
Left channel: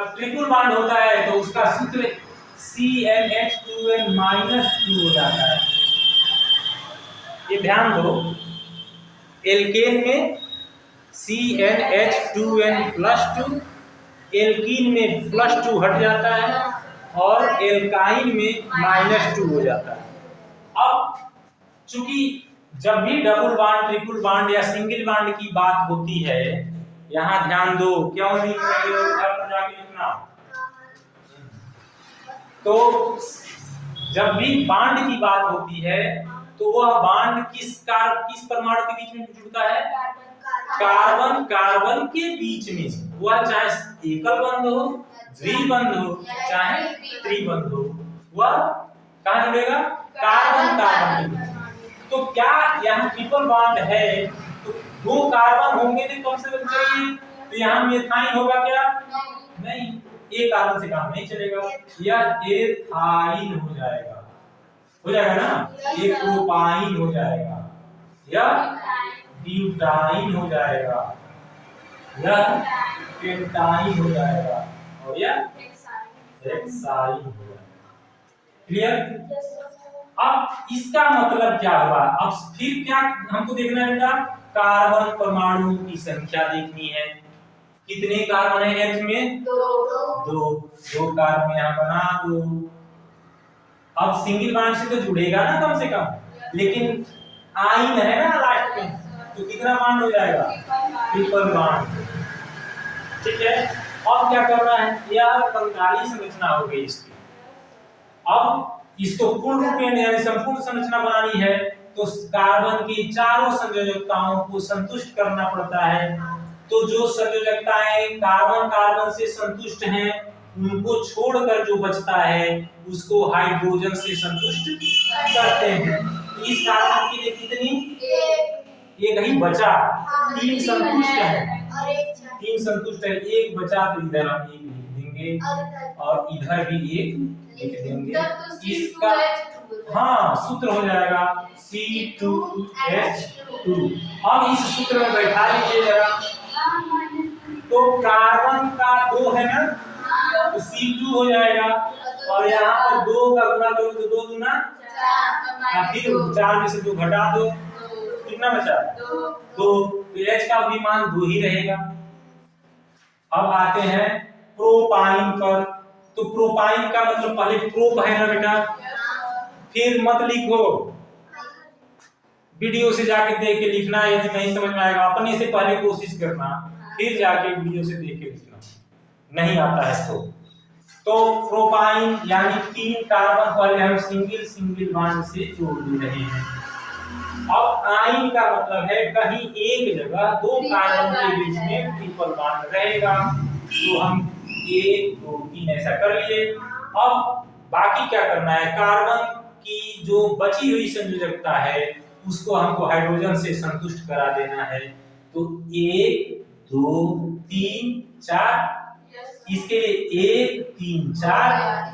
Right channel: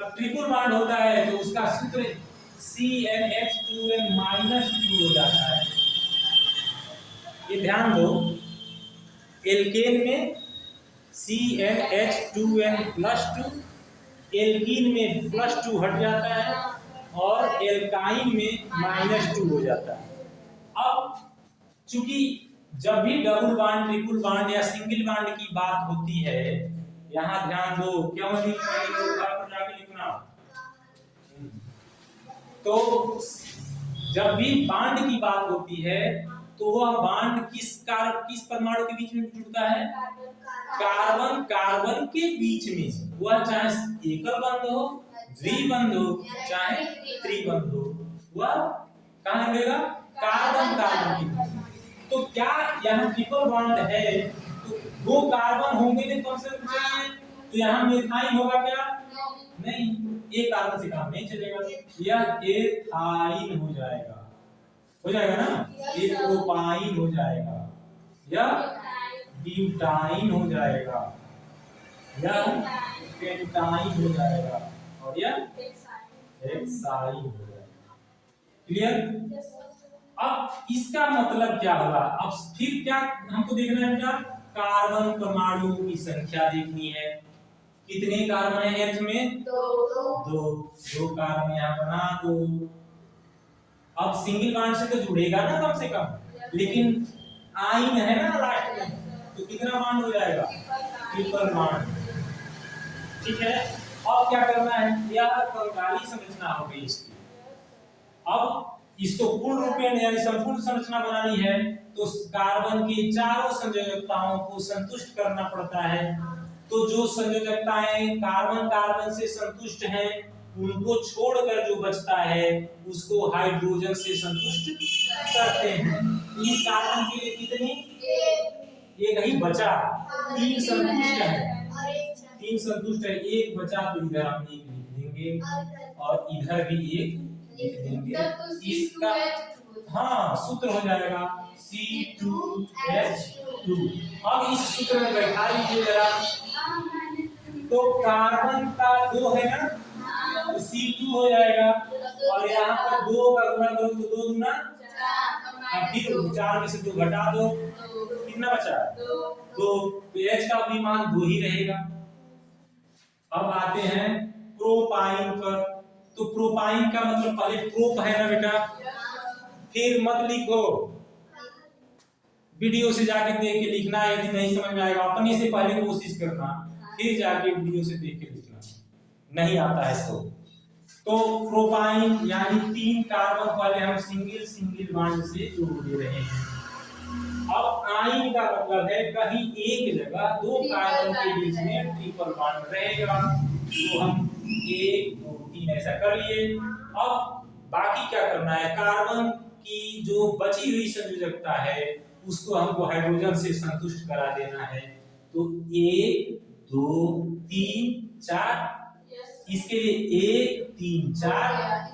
अब ट्रिपल बॉन्ड होता है तो उसका सूत्र CnH2n -2 हो जाता है। ये ध्यान दो, एल्केन में CnH2n+2, एल्कीन में +2 हट जाता है और एल्काइन में -2 हो जाता है। अब चूंकि जब भी डबल बॉन्ड ट्रिपल बॉन्ड या सिंगल बॉन्ड की बात होती है, यहाँ ध्यान दो, क्यों नहीं लिखेंगे और घर पर जाके लिखना। तो जब भी बॉन्ड की बात होती है तो वह बॉन्ड किस परमाणु के बीच में जुड़ता है, कार्बन कार्बन के बीच में, वह चाहे एकल बंध हो, द्विबंध हो, चाहे त्रिबंध हो, वह कहां जुड़ेगा, कार्बन कार्बन के बीच। तो क्या यहाँ ट्रिपल बॉन्ड है तो 2 कार्बन होंगे तो कम से कम चाहिए, तो यहाँ मिथाइन होगा क्या, नहीं, एक कार्बन से काम नहीं चलेगा, यह एथाइन हो जाएगा ना, एक प्रोपाइन हो जाएगा, यह ब्यूटाइन हो जाएगा, यह पेंटाइन हो जाएगा और यह हेक्साइन हो जाएगा। क्लियर। अब इसका मतलब क्या हुआ, अब फिर क्या हमको देखना है बेटा, कार्बन परमाणु की संख्या देखनी है, कितने कार्बन है H में, 2 कार्बन यहाँ बना दो। अब सिंगल बॉन्ड से तो जुड़ेगा ना कम से कम, लेकिन आइन है ना लास्ट में, तो कितना बॉन्ड हो जाएगा, ट्रिपल बॉन्ड, ठीक है। अब क्या करना है, यह कंगाली संरचना हो गई इसकी। अब इसको पूर्ण रूपेण यानी संपूर्ण संरचना बनानी है तो कार्बन की चारों संयोजकताओं को संतुष्ट करना पड़ता है। तो जो संयोजकताएं कार्बन कार्बन से संतुष्ट हैं उनको छोड़कर जो बचता है उसको हाइड्रोजन से संतुष्ट करते हैं। इस कार्बन के लिए कितनी, एक ही बचा, 3 संतुष्ट है, 3 संतुष्ट है, एक बचा तो इधर हम 1 लिख देंगे और इधर भी 1 लिख देंगे। इसका हाँ सूत्र हो जाएगा C2H2। अब इस सूत्र में बैठा लीजिए जरा, तो कार्बन का 2 है ना, तो C2 हो जाएगा और यहाँ पर 2 का गुना करो तो 2 दूना 4, फिर 4 में से 2 घटा दो, कितना बचा, 2, तो H का भी मान 2 ही रहेगा। अब आते हैं प्रोपाइन पर, तो प्रोपाइन का मतलब पहले प्रोप है ना बेटा, फिर मत लिखो, वीडियो से जाके देख के लिखना, यदि नहीं समझ में आएगा अपने से पहले कोशिश करना, फिर जाके वीडियो से देख के लिखना, नहीं आता है तो प्रोपाइन यानी 3 कार्बन पहले हम सिंगल बॉन्ड से जोड़ दे रहे हैं। अब आइन का मतलब है कहीं एक जगह दो कार्बन के बीच में ट्रिपल बॉन्ड रहेगा। तो हम 1 2 3 ऐसा कर लिए। अब बाकी क्या करना है, कार्बन की जो बची हुई संयोजकता है उसको हमको हाइड्रोजन से संतुष्ट करा देना है। तो 1 2 3 4, इसके लिए 1 3 4,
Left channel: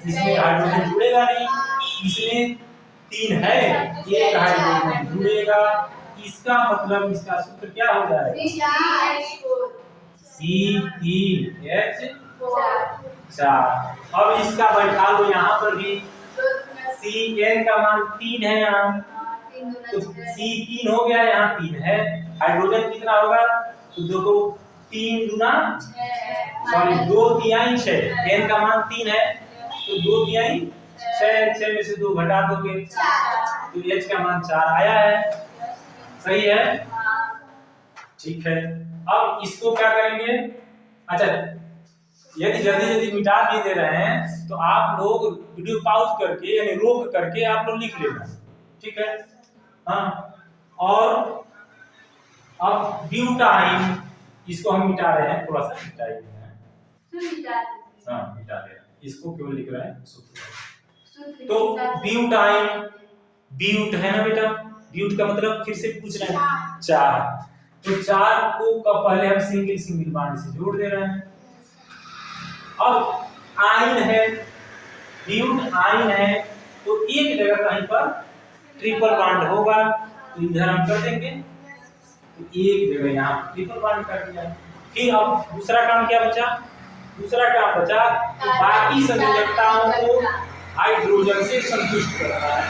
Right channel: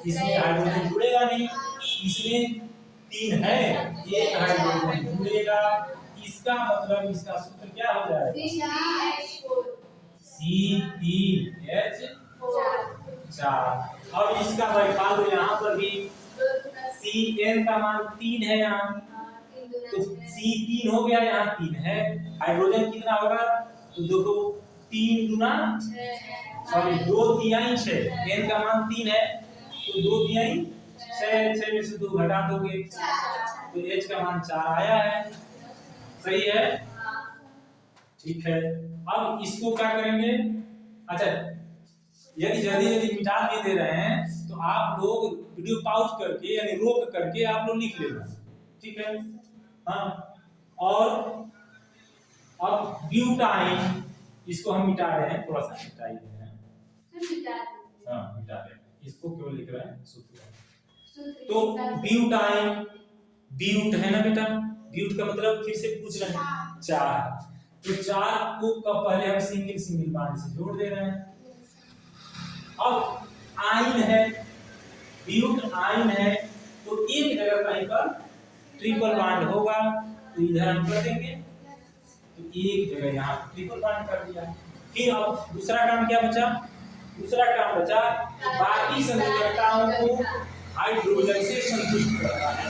इसमें हाइड्रोजन जुड़ेगा नहीं, इसमें 3 है, एक हाइड्रोजन जुड़ेगा। इसका मतलब इसका सूत्र क्या हो जाएगा, C3H4। अब इसका बैठा दो यहाँ पर भी, Cn का मान 3 है यहाँ, तो C3 हो गया, यहाँ 3 है, हाइड्रोजन कितना होगा, तो देखो 3 दूना सॉरी 2 तिहाई 6, n का मान 3 है तो 2 तिहाई 6, 6 में से 2 घटा दोगे तो h का मान 4 आया है। सही है, ठीक है। अब इसको क्या करेंगे, अच्छा यदि जल्दी जल्दी मिटा भी दे रहे हैं तो आप लोग वीडियो पॉज करके यानी रोक करके आप लोग लिख लेना, ठीक है। हाँ, और अब ब्यूटाइन, इसको हम मिटा रहे हैं, थोड़ा सा मिटा ही रहे हैं, हाँ मिटा रहे हैं, इसको केवल लिख रहे हैं सूत्र। तो ब्यूटाइन, ब्यूट है ना बेटा, ब्यूट का मतलब फिर से पूछ रहे हैं 4, तो 4 को का पहले हम सिंगल सिंगल बॉन्ड से जोड़ दे रहे हैं। अब आइन है, ब्यूट आइन है, तो एक जगह कहीं पर ट्रिपल बॉन्ड होगा, तो इधर हम कर देंगे, तो एक जगह यहाँ ट्रिपल बॉन्ड कर दिया। फिर अब दूसरा काम क्या बचा, दूसरा काम बचा तो बाकी संयोजकताओं को हाइड्रोजन से संतुष्ट करना है,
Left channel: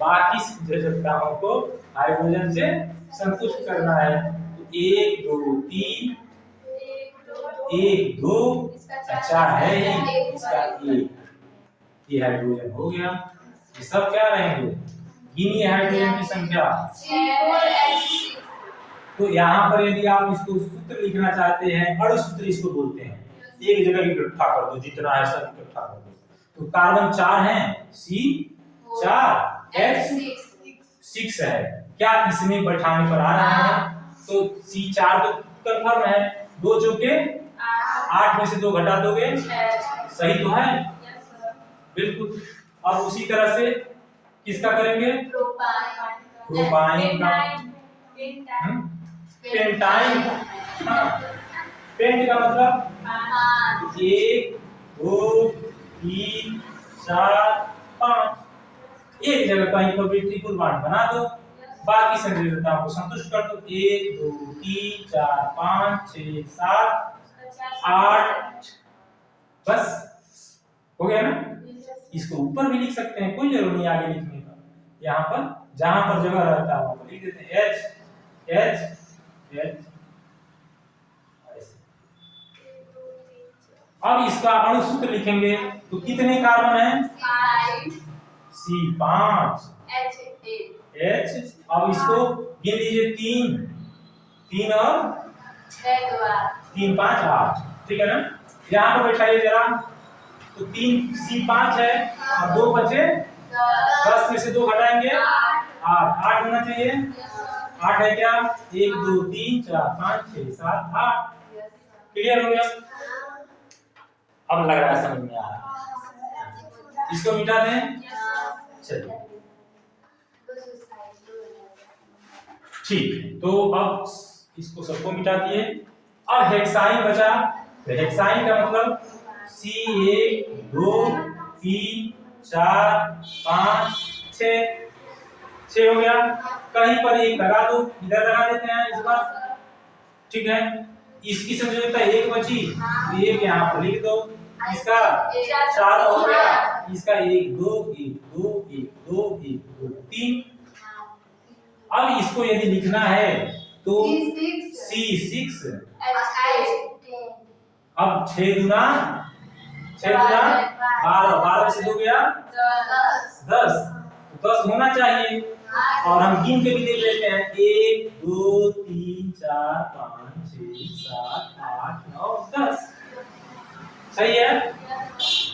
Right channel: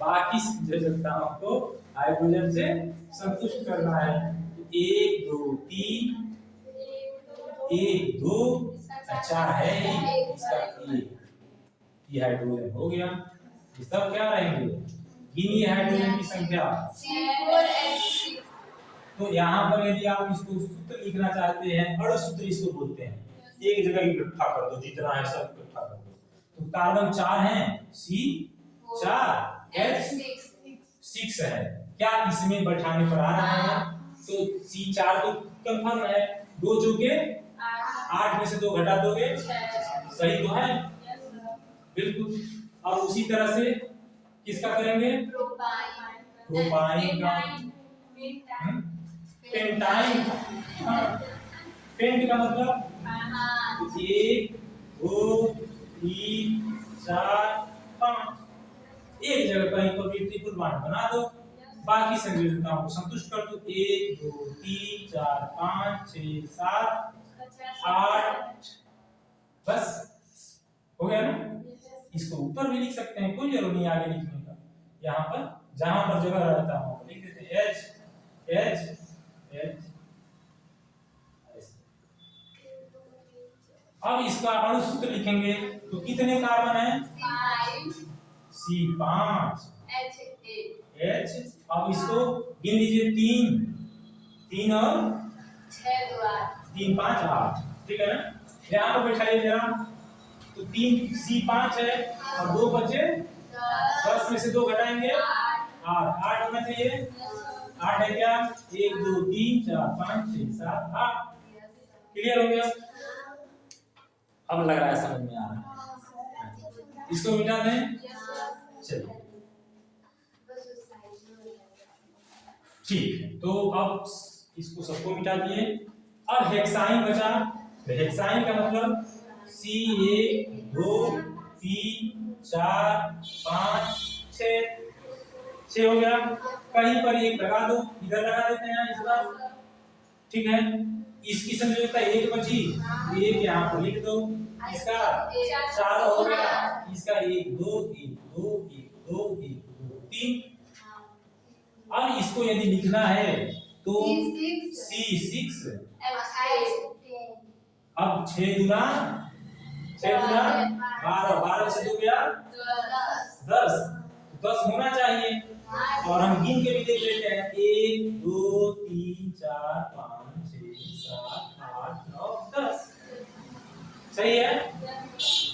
बाकी संयोजकताओं को हाइड्रोजन से संतुष्ट करना है। तो 1 2 3, 1 2 4 है ही, इसका 1, ये हाइड्रोजन हो गया। ये सब क्या रहेंगे, गिनिए हाइड्रोजन की संख्या। तो यहाँ पर यदि आप इसको सूत्र लिखना चाहते हैं, अणु सूत्र इसको बोलते हैं, एक जगह इकट्ठा कर दो, जितना है सब इकट्ठा कर दो। तो कार्बन 4 हैं, C4, H6 है, क्या इसमें बैठाने पर आ रहा है, तो C4 तो कंफर्म है, 2 चौके 8 में से 2 घटा दोगे, सही तो है, बिल्कुल। और उसी तरह से किसका करेंगे, प्रोपाइन का, पेंटाइन, हाँ, पेंट का मतलब 1 2 3 4 5, एक जगह कहीं पर भी ट्रिपल बॉन्ड बना दो, बाकी संयोजकताओं को संतुष्ट कर दो। 1 2 3 4 5 6 7 8, बस हो गया ना। इसको ऊपर भी लिख सकते हैं, कोई जरूरत नहीं आगे लिखने का, यहाँ पर जहां पर जगह रहता है वहां पर लिख देते हैं H H H। अब इसका अणु सूत्र लिखेंगे तो कितने कार्बन हैं, C5 H, अब इसको गिन लीजिए, 3 3 और 3 5 8, ठीक है ना। यहाँ पर बैठाइए जरा, तो 3 C5 है और 2 बचे 10 में से 2 घटाएंगे 8 होना चाहिए, 8 है क्या, 1 2 3 4 5 6 7 8, क्लियर हो गया। अब लग रहा है समझ में आ रहा है, इसको मिटा दें, चलिए ठीक है। तो अब इसको सबको मिटा दिए, अब हेक्साइन बचा, तो हेक्साइन का मतलब C1 2 3 4 5 6 हो गया, कहीं पर एक लगा दो, इधर लगा देते हैं इस बार, ठीक है। इसकी संयोजकता 1 बची, एक यहाँ पर लिख दो, इसका 4 हो गया, इसका 1 2 1 2 1 2 1 2 3। अब इसको यदि लिखना है तो C6, अब 6 गुना 12, 12 से 2 गया 10, 10 होना चाहिए, और हम गिन के भी लिख लेते हैं 1 2 3 4 5 6 7 8 9 10, सही है।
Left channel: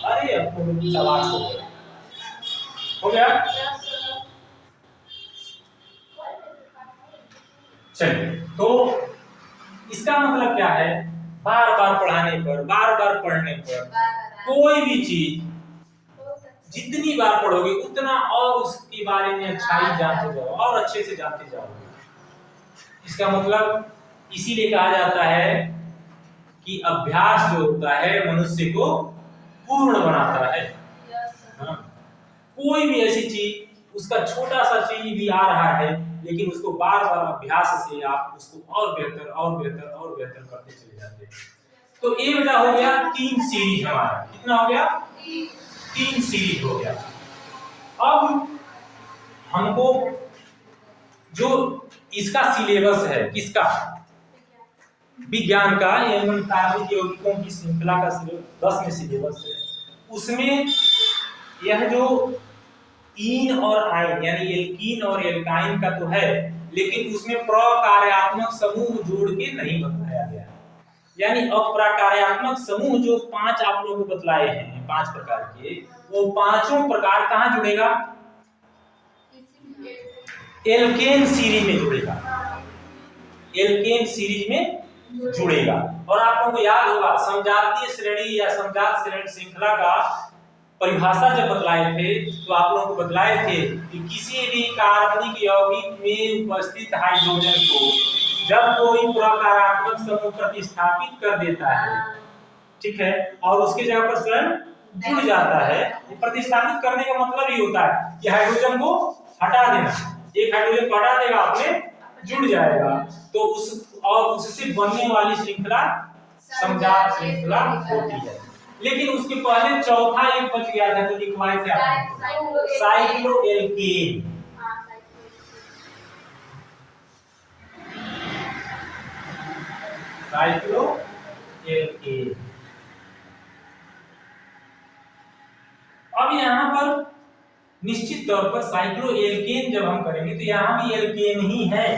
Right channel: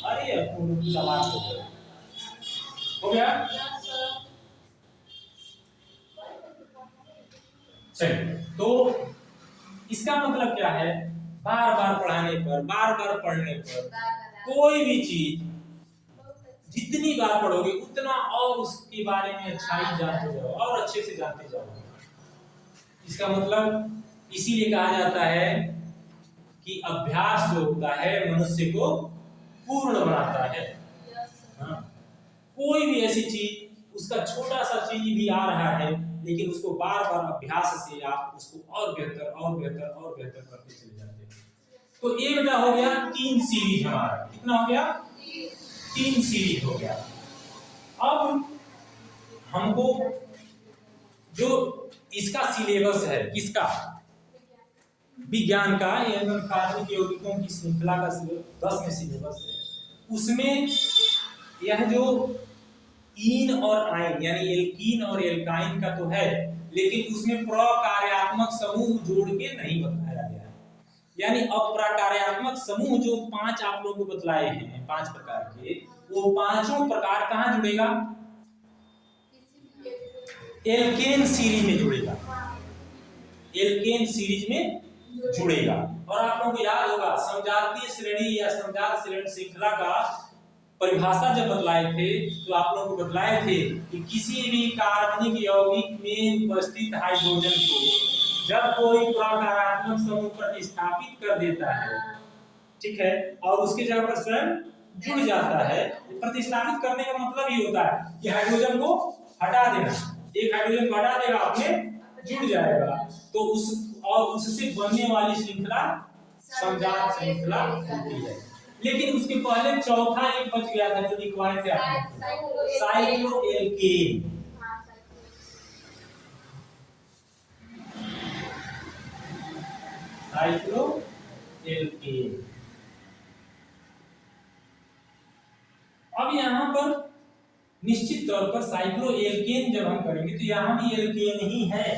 अरे अब तो सवाल हो हो गया? चलिए, तो इसका मतलब क्या है? बार बार पढ़ाने पर, बार बार पढ़ने पर कोई भी चीज जितनी बार पढ़ोगे उतना और उसके बारे में अच्छाई जानते जाओ और अच्छे से जानते जाओगे। इसका मतलब इसीलिए कहा जाता है कि अभ्यास जो होता है मनुष्य को पूर्ण बनाता है। हाँ? कोई भी ऐसी चीज, उसका छोटा सा चीज भी आ रहा है, लेकिन उसको बार बार अभ्यास से आप उसको और बेहतर और बेहतर और बेहतर करते चले जाते हैं। तो ये बेटा हो गया 3 सीरीज हमारा। कितना हो गया? 3 सीरीज हो गया। अब हमको जो इसका सिलेबस है, किसका? विज्ञान का, एवं कार्बनिक यौगिकों की श्रृंखला का 10 में सिलेबस है। उसमें यह जो ईन और आइन यानी एल्कीन और एल्काइन का तो है, लेकिन उसमें प्रकार्यात्मक समूह जोड़ के नहीं बताया गया। यानी अप्रकार्यात्मक समूह जो 5 आप लोगों को बतलाए हैं, 5 प्रकार के, वो पांचों प्रकार कहाँ जुड़ेगा? एल्केन सीरीज में जुड़ेगा। एल्केन सीरीज में जुड़ेगा। और आप लोगों को याद होगा समजातीय श्रेणी या समजात श्रृंखला का परिभाषा जब बतलाए थे, तो आप लोगों को बतलाए थे कि किसी भी कार्बनिक यौगिक में उपस्थित हाइड्रोजन को जब कोई प्रकारात्मक समूह प्रतिस्थापित कर देता है, ठीक है, और उसके जगह पर स्वयं जुड़ जाता है, प्रतिस्थापित करने का मतलब ये होता है कि हाइड्रोजन को हटा देना। एक हाइड्रोजन को हटा देगा, अपने जुड़ जाएगा, तो उस और उससे बनने वाली श्रृंखला समजात श्रृंखला होती है। लेकिन उसके पहले चौथा एक बच गया था जो लिखवाए थे आपने, साइक्लोएल्केन। साइक्लोएल्केन। अब यहाँ पर निश्चित तौर पर साइक्लोएल्केन जब हम करेंगे तो यहाँ भी एल्केन ही है,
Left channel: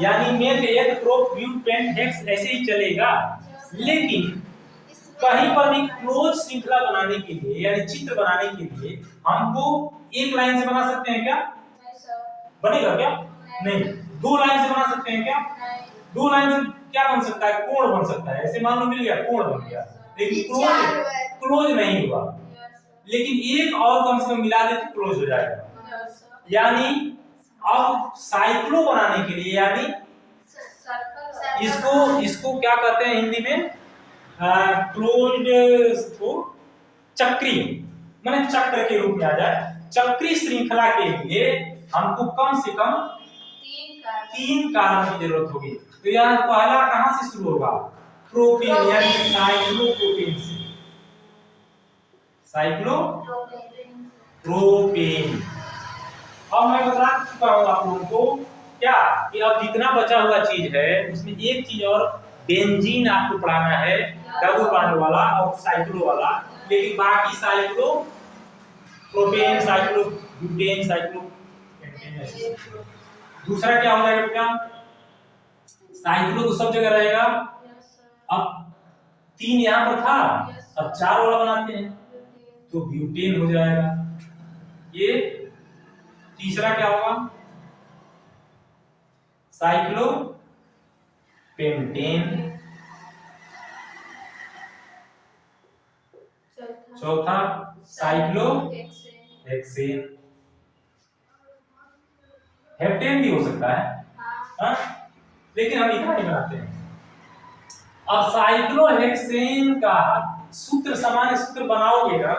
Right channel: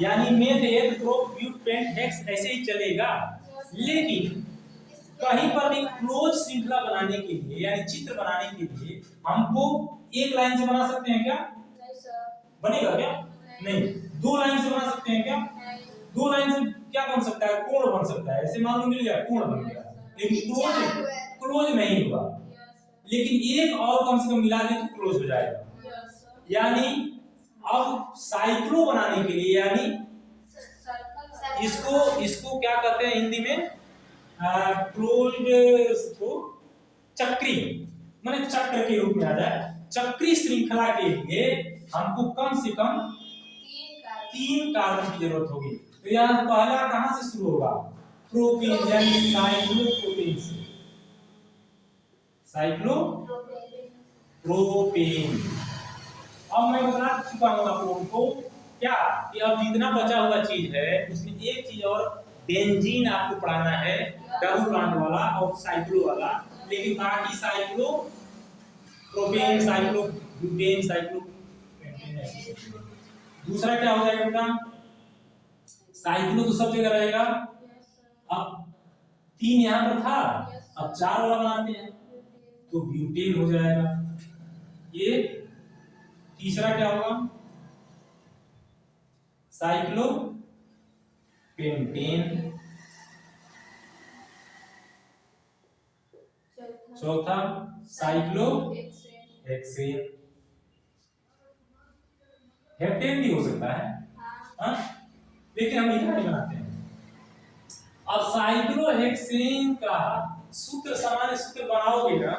यानी मेथ एथ प्रोप ब्यूट पेंट हेक्स ऐसे ही चलेगा। लेकिन कहीं पर भी क्लोज श्रृंखला बनाने के लिए यानी चित्र बनाने के लिए हमको एक लाइन से बना सकते हैं क्या? नहीं सर। बनेगा क्या? नहीं। 2 लाइन से बना सकते हैं क्या? नहीं। 2 लाइन से क्या बन सकता है? कोण बन सकता है। ऐसे मान लो मिल गया, कोण बन गया, लेकिन क्लोज नहीं हुआ। लेकिन एक और कम से कम मिला दे तो क्लोज हो जाएगा। यानी अब साइक्लो बनाने के लिए, यानी इसको क्या कहते हैं हिंदी में? क्लोज्ड को चक्री, माने चक्र के रूप में आ जाए। चक्री श्रृंखला के लिए हमको कम से कम 3 कार्बन की जरूरत होगी। तो यहाँ पहला कहां से शुरू होगा? प्रोपेन यानी साइक्लोप्रोपेन से। साइक्लोप्रोपेन। अब मैं बता चुका हूं आप लोगों को क्या कि अब जितना बचा हुआ चीज है उसमें एक चीज और बेंजीन आपको पढ़ाना है, डबल बॉन्ड वाला और साइक्लो वाला। लेकिन बाकी cyclo propane, cyclo butane, cyclo pentane. दूसरा क्या हो जाएगा बेटा? साइक्लो तो सब जगह रहेगा। अब 3 यहां पर था, अब 4 वाला बनाते हैं तो ब्यूटेन हो जाएगा। ये तीसरा क्या होगा? Cyclo pentane. चौथा साइक्लो हेक्सेन। हेप्टेन भी हो सकता है, हाँ? लेकिन हम इतना नहीं बनाते हैं। अब साइक्लो हेक्सेन का सूत्र, सामान्य सूत्र बनाओगे ना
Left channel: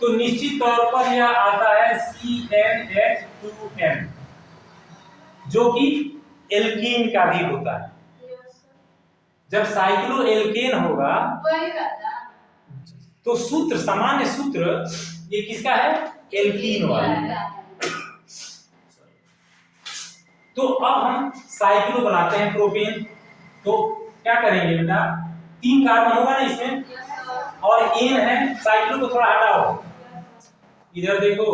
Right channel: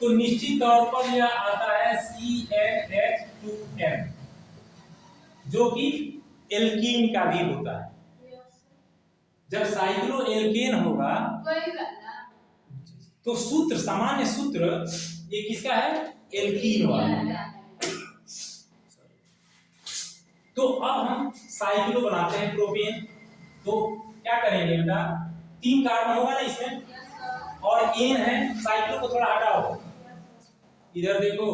तो निश्चित तौर पर यह आता है CnH2n, जो कि एल्कीन का भी होता है। जब साइक्लो एल्केन होगा तो सूत्र, सामान्य सूत्र ये किसका है? एल्कीन वाला। तो अब हम साइक्लो बनाते हैं प्रोपेन। तो क्या करेंगे बेटा? 3 कार्बन होगा ना इसमें, और एन है। साइक्लो को थोड़ा हटाओ, इधर देखो,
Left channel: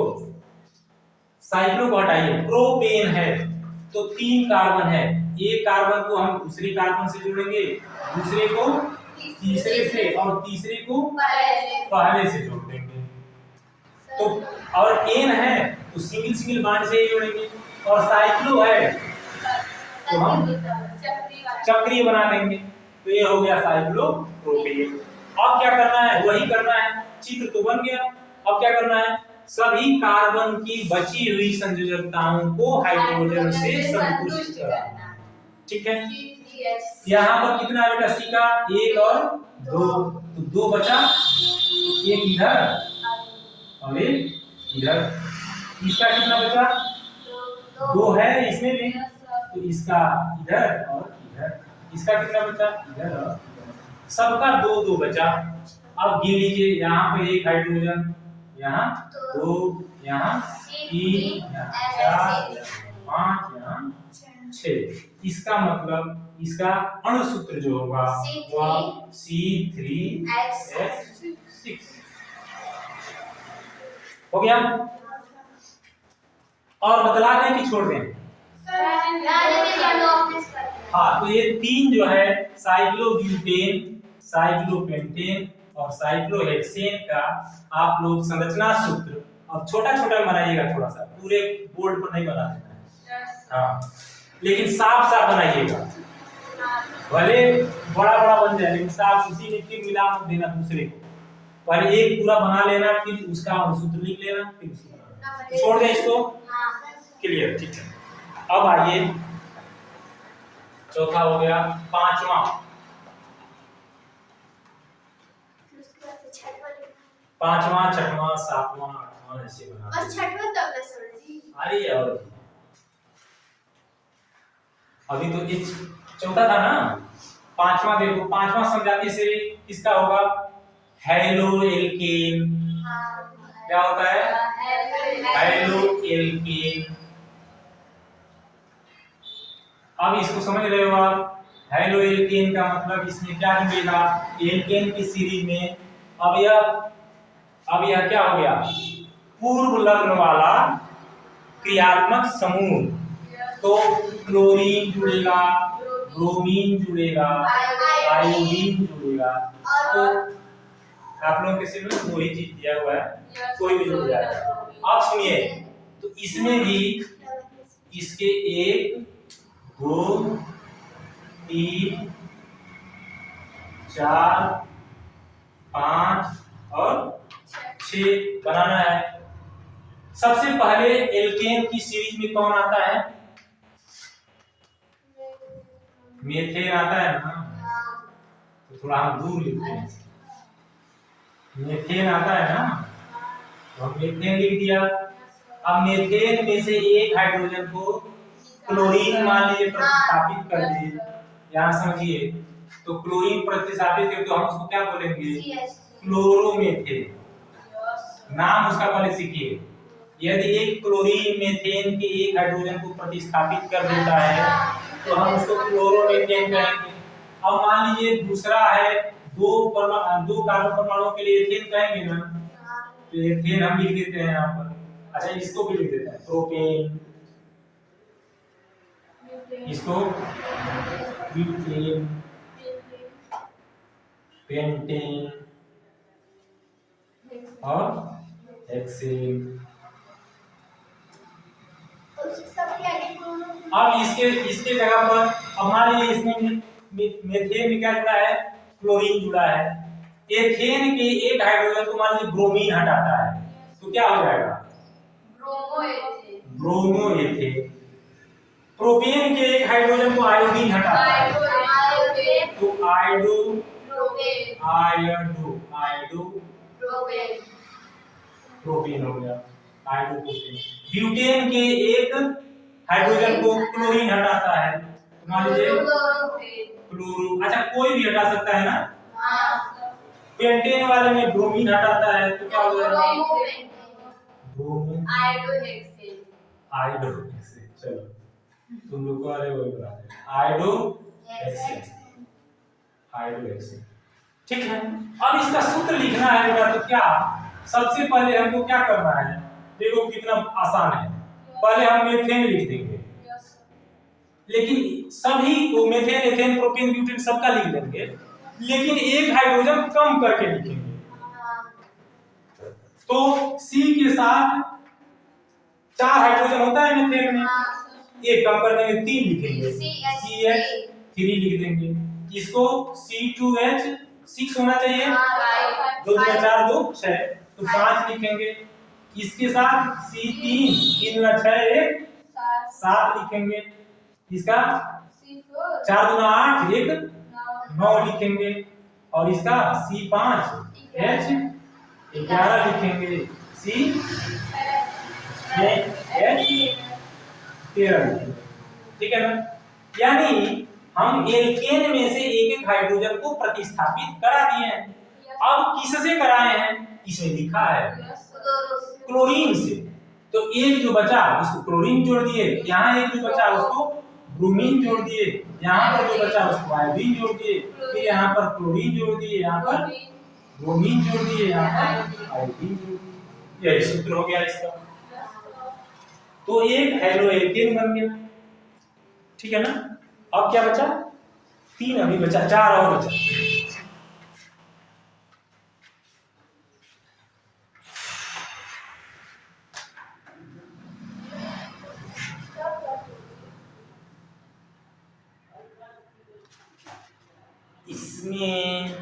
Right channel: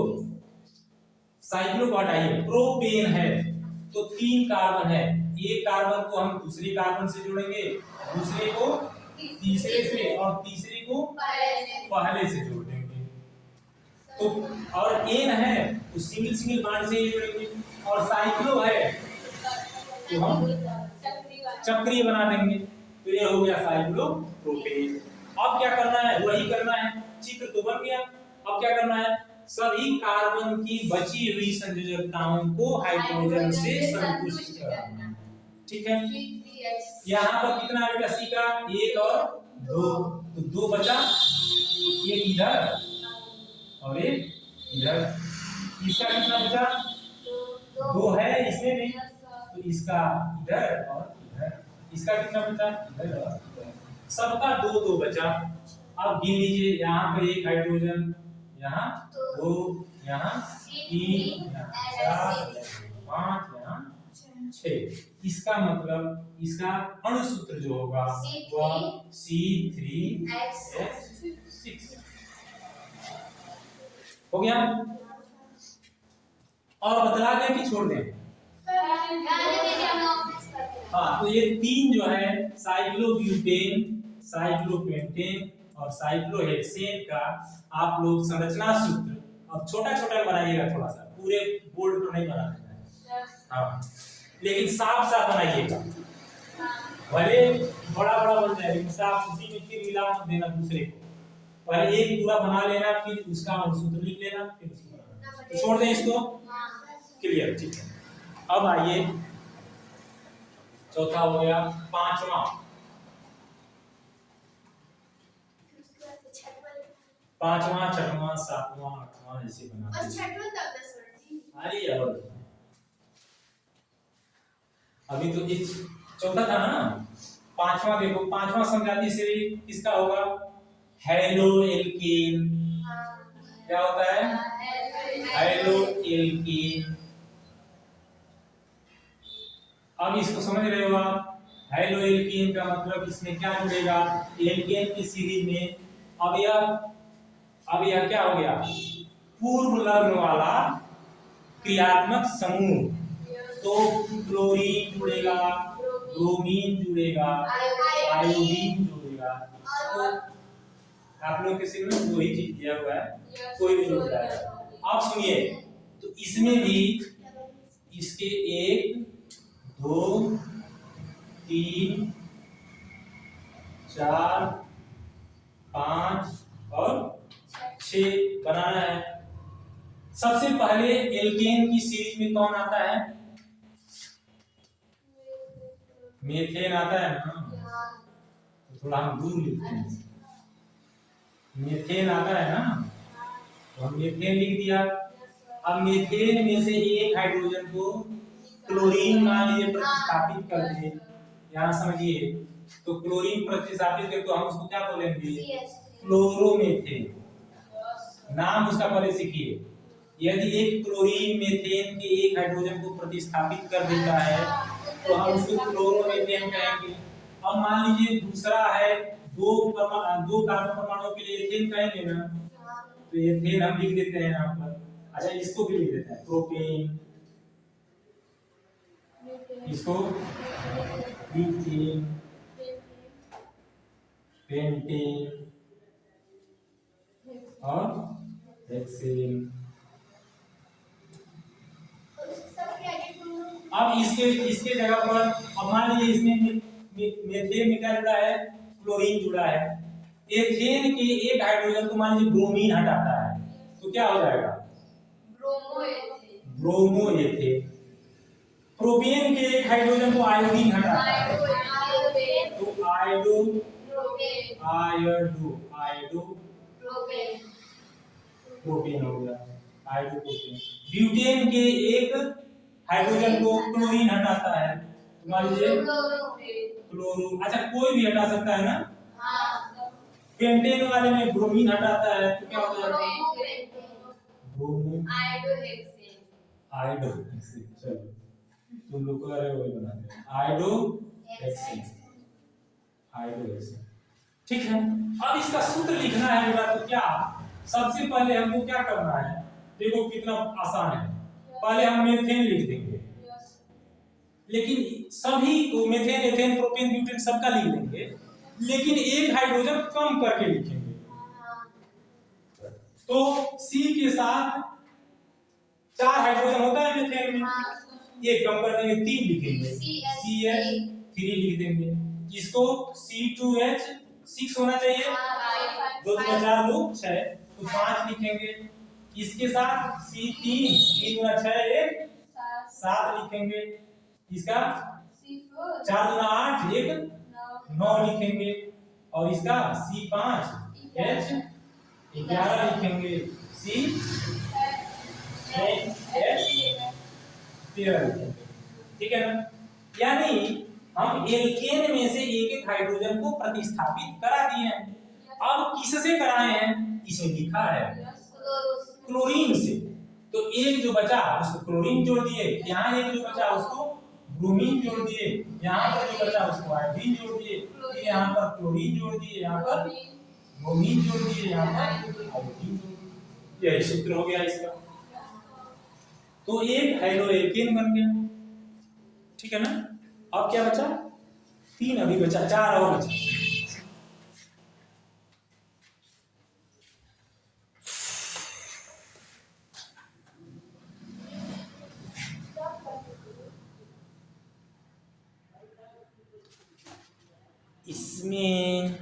साइक्लो को हटाइए, प्रोपेन है तो 3 कार्बन है। एक कार्बन को हम दूसरे कार्बन से जोड़ेंगे, दूसरे को तीसरे से, और तीसरे को पहले से जोड़ देंगे। तो और एन है तो सिंगल सिंगल बॉन्ड से ही जोड़ेंगे, और साइक्लो है तो हम चक्रीय बना देंगे। तो ये हो गया साइक्लोप्रोपेन। अब क्या करना है, वही करना है, चित्र तो बन गया। अब क्या करना है, सभी कार्बन की बची हुई संयोजकताओं को हाइड्रोजन से संतुष्ट कराना। ठीक है, यहाँ पर कितना आ बेटा सी का, 1 और 2, तो 2 बचा, एक इधर और एक इधर। इसका कितना बचा, 2 है इसमें भी, तो इसका इधर और इधर। इसका कितना बचा, इधर और इधर। सबका 2 2 बचा। अब गिन लीजिए, यहाँ पे 1 हाइड्रोजन, यहाँ 2, यहाँ 3, यहाँ 4, 5, यहाँ 6। इसका मतलब इसका अणुसूत्र जो होगा वह C3H6 हो गया। और बदला दें कि छोड़ दें? हाँ, तो ये 3 जो है साइक्लोब्यूटेन, साइक्लोपेंटेन और साइक्लोहेक्सेन का आप लोग संरचना सूत्र अब छोटा छोटा बनाइएगा, थोड़ा सा, पूरे बोर्ड पर नहीं बना देना है। हाँ, लेकिन साफ साफ बनाइएगा, भले बड़ा बड़ा बन जाए लेकिन साफ, उसी में फिर मिला मत देना दूसरे को। पहले एक पूरा बना लेना, फिर उसका अणुसूत्र लिख लेना, फिर तो छोड़ दें इसको। क्लियर, ठीक है। अब आइए, चौथा हो गया, पांचवा, छठवां, सातवां, आठवां ऐसे बना। और छठवां तब सर जी। अरे और अभी तो ये चौथा था ना, पांचवा देखो, पांचवा समझाते से किसका होगा, हेलो एल्केन। क्या होता है, हेलो एल्केन। अब इसको समझ रहे हो आप, हेलो एल्केन का मतलब इसमें क्या जुड़ेगा, एल्केन की सीरीज में। अब यह क्या हो गया, पूर्व लग्न वाला क्रियात्मक समूह। तो क्लोरीन जुड़ेगा, ब्रोमीन जुड़ेगा, आयोडीन जुड़ेगा। तो आप लोगों के सिर में दो ही चीज दिया हुआ है, कोई भी जुड़ जाएगा। अब सुनिए, तो इसमें भी इसके 1 2 3 4 5 और 6 बनाना है। सबसे पहले एल्केन की सीरीज में कौन आता है, मेथेन आता है ना, तो थोड़ा हम दूर लिखते हैं, मेथेन आता है ना, तो हम मेथेन लिख दिया। अब मेथेन में से एक हाइड्रोजन को क्लोरीन मान लीजिए प्रतिस्थापित कर दिए, यहाँ समझिए, तो क्लोरीन प्रतिस्थापित करके तो हम उसको क्या बोलेंगे, क्लोरोमेथेन। नाम उसका पहले सीखिए। यदि एक क्लोरीन मेथेन के एक हाइड्रोजन को प्रतिस्थापित कर देता है तो हम उसको क्लोरोमेथेन कहेंगे। अब मान लीजिए दूसरा है, दो कार्बन परमाणुओं के लिए एथेन कहेंगे ना, तो एथेन हम लिख देते हैं यहाँ पर। अच्छा, इसको भी लिख देते हैं, प्रोपेन, इसको ब्यूटेन, पेंटेन और हेक्सेन। अब इसके जगह पर अब मान लीजिए इसमें मेथेन में क्या जुड़ा है, क्लोरीन जुड़ा है। एथेन के एक हाइड्रोजन को मान लीजिए ब्रोमीन हटाता है तो क्या हो जाएगा, ब्रोमोएथेन। प्रोपेन के एक हाइड्रोजन को आयोडीन हटाता है तो प्रोपेन हो गया, आयोडोप्रोपेन। ब्यूटेन के एक हाइड्रोजन को क्लोरीन हटाता है तो मान लीजिए क्लोरो। अच्छा, कोई भी हटा सकता है ना, पेंटेन वाले में ब्रोमीन हटाता है तो क्या हो जाएगा, ब्रोमो आयोडोहेक्सेन। चलो तुम लोग को अरे वही बना दे, आयोडोहेक्सेन। ठीक है। अब इसका सूत्र लिखना है बेटा, तो क्या सबसे पहले हमको क्या करना है, देखो कितना आसान है। पहले हम मेथेन लिख देंगे, लेकिन सभी को मेथेन, एथेन, प्रोपेन, ब्यूटेन सबका लिख देंगे, लेकिन एक हाइड्रोजन कम करके लिखेंगे। तो तो C के साथ 4 हाइड्रोजन होता है मीथेन में, एक कम कर देंगे 3 लिखेंगे, CH3 लिख देंगे। इसको C2H6 होना चाहिए, 2 2 4 2 6 तो 5 लिखेंगे। इसके साथ C3 3 2 6 1 7 लिखेंगे। इसका 4 2 8 1 9 लिखेंगे और इसका C5H 11 लिखेंगे, C H 13 लिखेंगे। ठीक है ना? यानी हम एल्केन में से एक एक हाइड्रोजन को प्रतिस्थापित करा दिए हैं। अब किससे कराए हैं? इसमें लिखा है क्लोरीन से। तो एक जो बचा उसको क्लोरीन जोड़ दिए, यहाँ एक जो बचा उसको ब्रोमीन जोड़ दिए, यहाँ पर जो बचा उसको आयोडीन जोड़ दिए, फिर यहाँ पर क्लोरीन जोड़ दिए, यहाँ पर ब्रोमीन जोड़ दिए, यहाँ पर आयोडीन जोड़ दिए। यही सूत्र हो गया इसका। तो एक हेलो एल्केन बन गया। ठीक है ना? अब क्या बचा? 3 अभी बचा, 4 और बचा। इसमें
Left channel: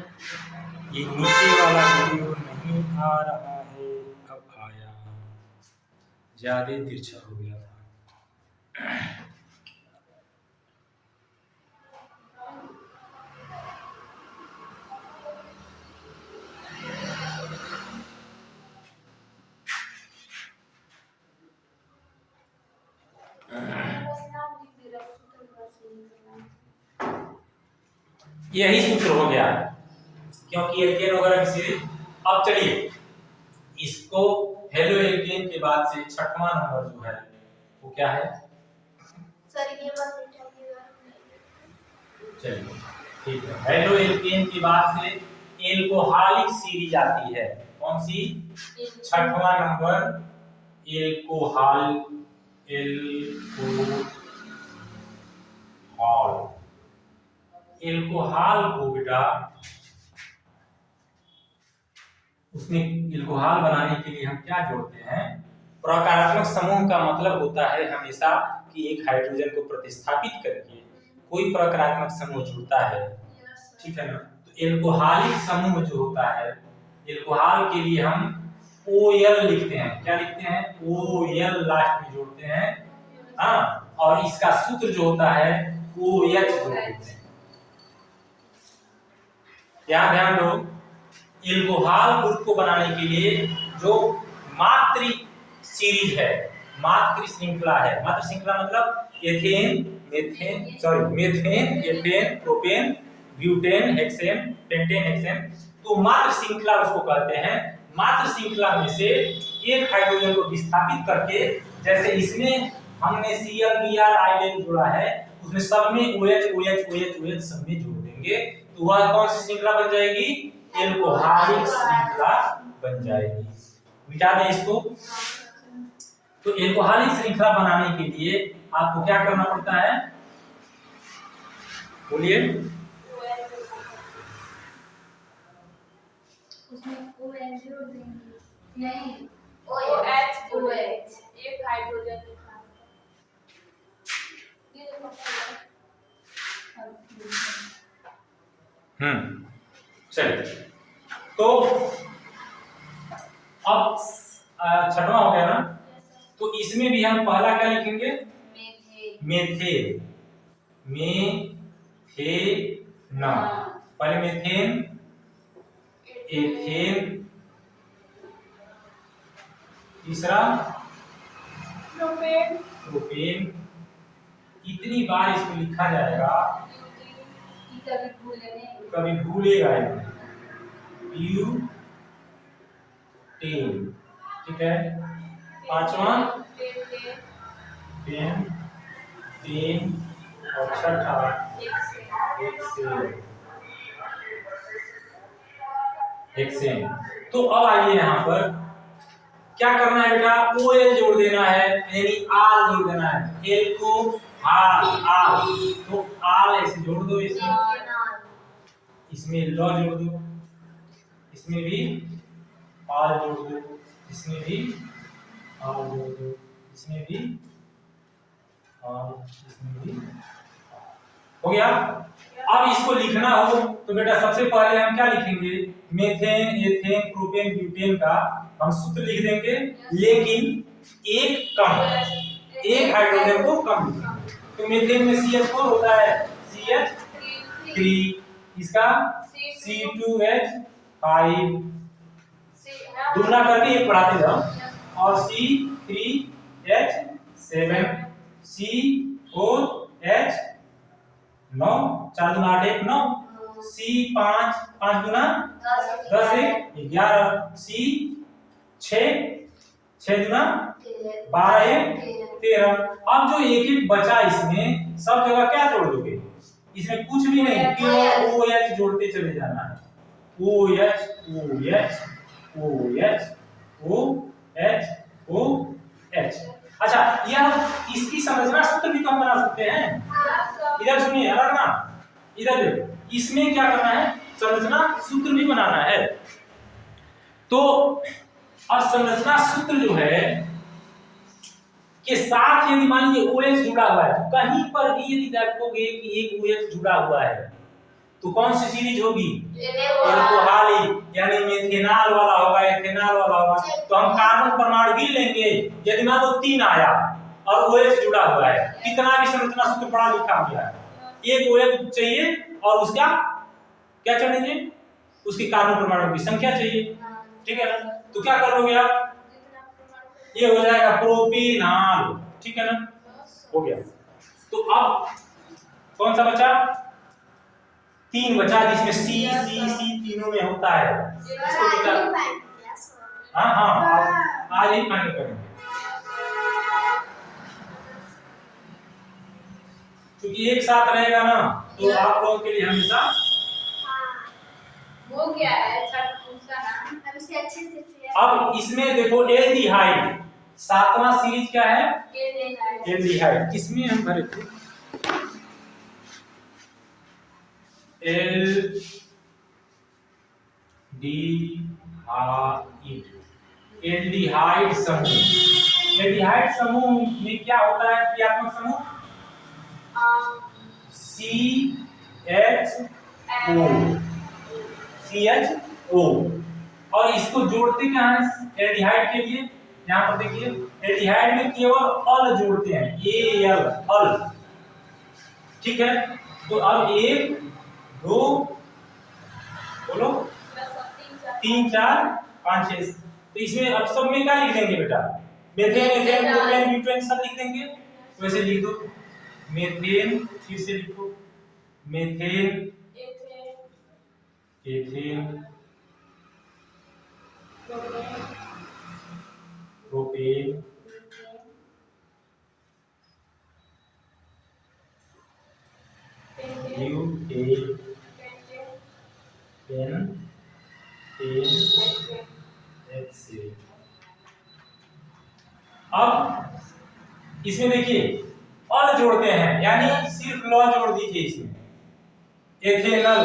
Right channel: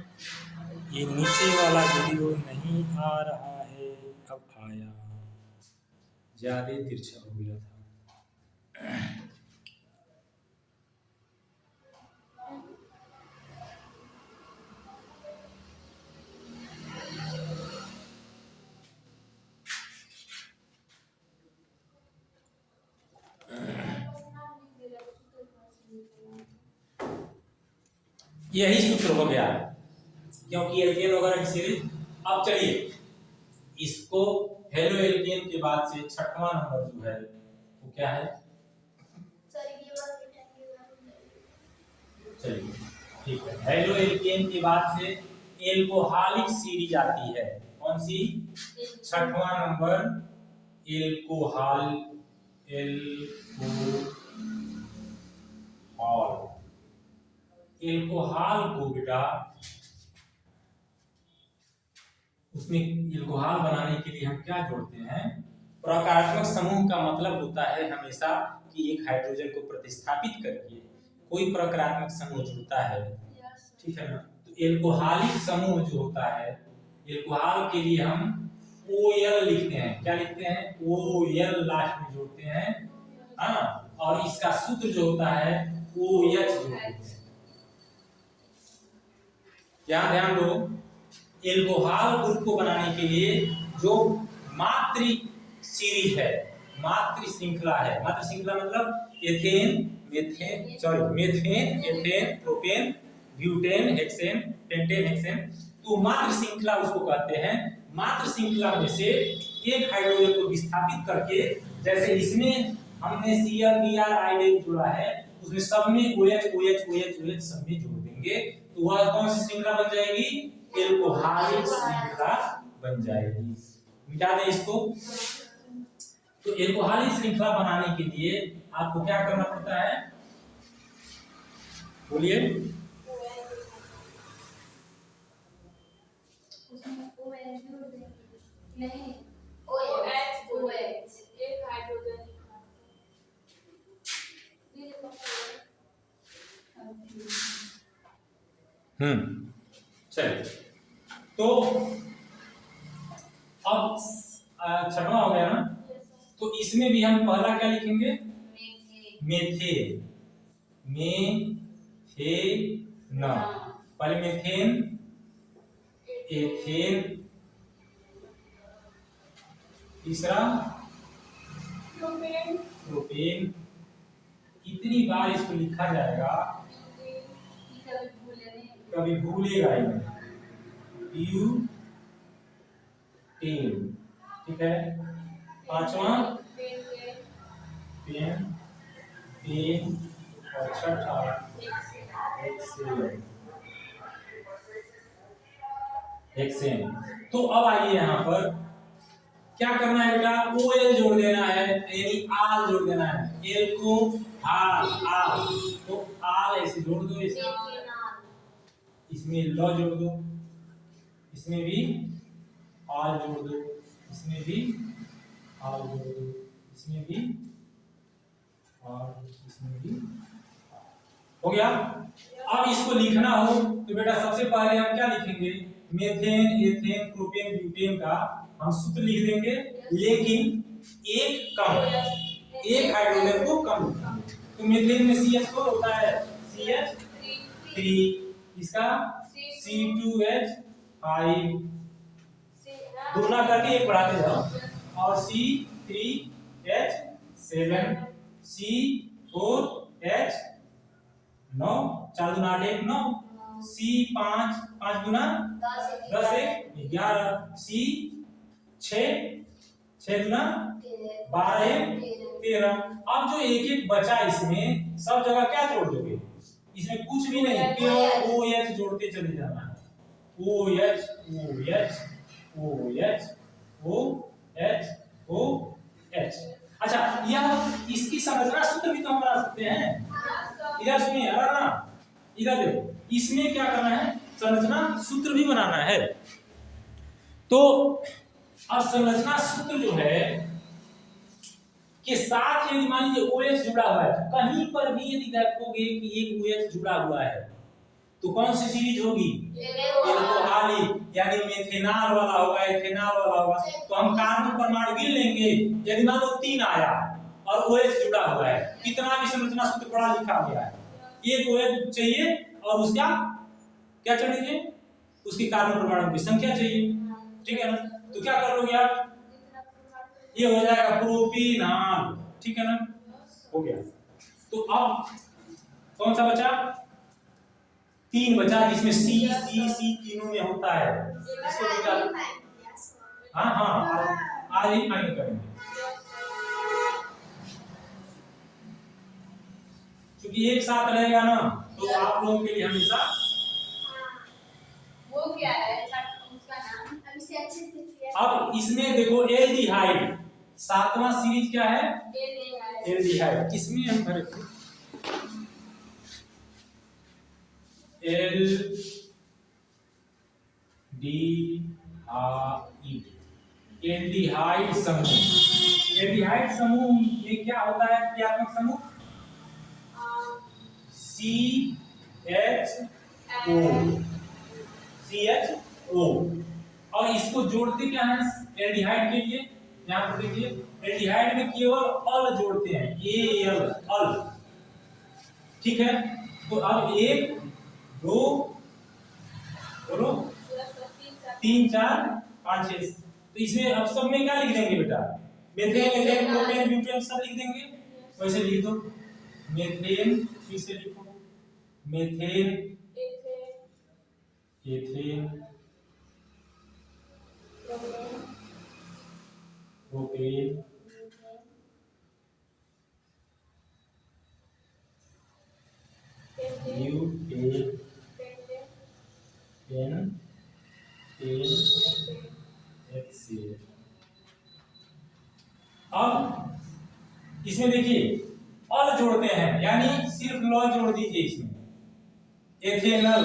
ये नीचे वाला वीडियो नहीं आ रहा है, अब आया, ज्यादा तिरछा हो गया था। यही सूत्र हो गया क्योंकि एल्केन वगैरह की सीरीज। अब चलिए इसको हेलो एल्केन के बाद से छठवां नंबर जो है वो क्या है? चलिए ठीक है, हेलो एल्केन के बाद से एल्कोहलिक सीरीज आती है। कौन सी? छठवां नंबर एल्कोहल। एल्कोहल को बेटा उसमें एल्कोहल बनाने के लिए हम क्या जोड़ते हैं? प्रकारात्मक समूह का मतलब होता है हमेशा कि एक हाइड्रोजन को प्रतिस्थापित करके कोई प्रकारात्मक समूह जुड़ता है। ठीक है ना? तो एल्कोहलिक समूह जो होता है, एल्कोहल के लिए हम OL लिखते हैं। क्या लिखते हैं? OL लास्ट में जोड़ते हैं। हाँ, और इसका सूत्र जो होता है OH जोड़ते हैं। यहाँ ध्यान दो, एल्कोहल ग्रुप को बनाने के लिए जो मात्र सीरीज है, मात्र श्रृंखला है, मात्र श्रृंखला मतलब ethane, ethane, propane, butane, hexane, pentane, hexane, तो मात्र श्रृंखला उसको कहते हैं। मात्र श्रृंखला में से एक हाइड्रोजन को विस्थापित करके, जैसे इसमें हमने Cl Br जोड़ा है, उसमें सब में OH सब में जोड़ देंगे तो वह कौन सी श्रृंखला बन जाएगी? एल्कोहलिक श्रृंखला बन जाएगी। मिटा दें इसको। तो एल्कोहलिक श्रृंखला बनाने के लिए आपको क्या करना पड़ता है? बोलिए। नहीं, OH एक हाइड्रोजन लिखा है। ये देखो चलिए, तो अब छठवां हो गया ना? तो इसमें भी हम पहला क्या लिखेंगे? मेथेन। पहले मेथेन, एथेन, तीसरा प्रोपेन। इतनी बार इसको लिखा जाएगा कभी भूलेगा ही नहीं। ब्यूटेन। ठीक है, पांचवा पेन, पेन और छठा हेक्सेन। तो अब आइए यहाँ पर क्या करना है बेटा? OL जोड़ देना है, यानी आल जोड़ देना है। एल्कोहल, आल, तो आल ऐसे जोड़ दो, इसमें ल जोड़ दो, इसमें भी आल जोड़ दो, इसमें भी और इसमें भी और इसमें भी हो गया। अब इसको लिखना हो तो बेटा सबसे पहले हम क्या लिखेंगे, मेथेन, एथेन, प्रोपेन, ब्यूटेन का हम सूत्र लिख देंगे, लेकिन एक कम, एक हाइड्रोजन को कम लिखेंगे। तो मेथेन में CH4 होता है CH3, इसका C2H5, दूसरा करके एक बढ़ाते जाओ, और C3H7, C4H9, 4 दूना 8 1 9, C5 5 दूना 10 1 11, C6 6 दूना 12 1 13। अब जो एक एक बचा इसमें सब जगह क्या जोड़ दोगे, इसमें कुछ भी नहीं, केवल OH जोड़ते चले जाना है, OH OH OH OH OH। अच्छा, यह इसकी संरचना सूत्र भी तो हम बना सकते हैं। इधर सुनिए, अलग ना, इधर देखो, इसमें क्या करना है, संरचना सूत्र भी बनाना है। तो अब संरचना सूत्र जो है के साथ यदि मान लीजिए OH जुड़ा हुआ है, तो कहीं पर भी यदि देखोगे कि एक OH जुड़ा हुआ है तो कौन सी सीरीज होगी, एल्कोहलिक, यानी मेथेनॉल वाला होगा, एथेनॉल वाला होगा। तो हम कार्बन परमाणु गिन लेंगे, यदि मान लो 3 आया और OH जुड़ा हुआ है, कितना भी संरचना सूत्र पढ़ा लिखा गया है, एक OH चाहिए और उसका क्या चाहिए, उसकी कार्बन परमाणु की संख्या चाहिए, ठीक है ना। तो क्या कर लोगे आप, ये हो जाएगा प्रोपेनॉल, ठीक है ना, हो गया। तो अब कौन सा बचा, 3 बचा, जिसमें C तीनों में होता है, इसको बचा। हाँ आज ही फाइनल करेंगे, क्योंकि एक साथ रहेगा ना तो आप लोगों के लिए हमेशा वो क्या है उसका नाम, अब इसे अच्छे से अब इसमें देखो एल्डिहाइड, 7वां सीरीज क्या है, एल्डिहाइड। इसमें हम भरे थे एल्डिहाइड समूह। एल्डिहाइड समूह में क्या होता है, क्रियात्मक समूह CHO, और इसको जोड़ते क्या है एल्डिहाइड के लिए, यहाँ पर देखिए एल्डिहाइड में केवल अल जोड़ते हैं, AL अल, ठीक है। तो अब 1 2 बोलो 3 4 5 6, तो इसमें अब सब में क्या लिख देंगे बेटा, मेथेन, एथेन, प्रोपेन, ब्यूटेन सब लिख देंगे। वैसे लिख दो, मेथेन, फिर से लिखो, methane, ethane, propane, butane, HCl। अब इसमें देखिए अल जोड़ते हैं, यानी सिर्फ लॉ जोड़ दीजिए इसमें, ethanal,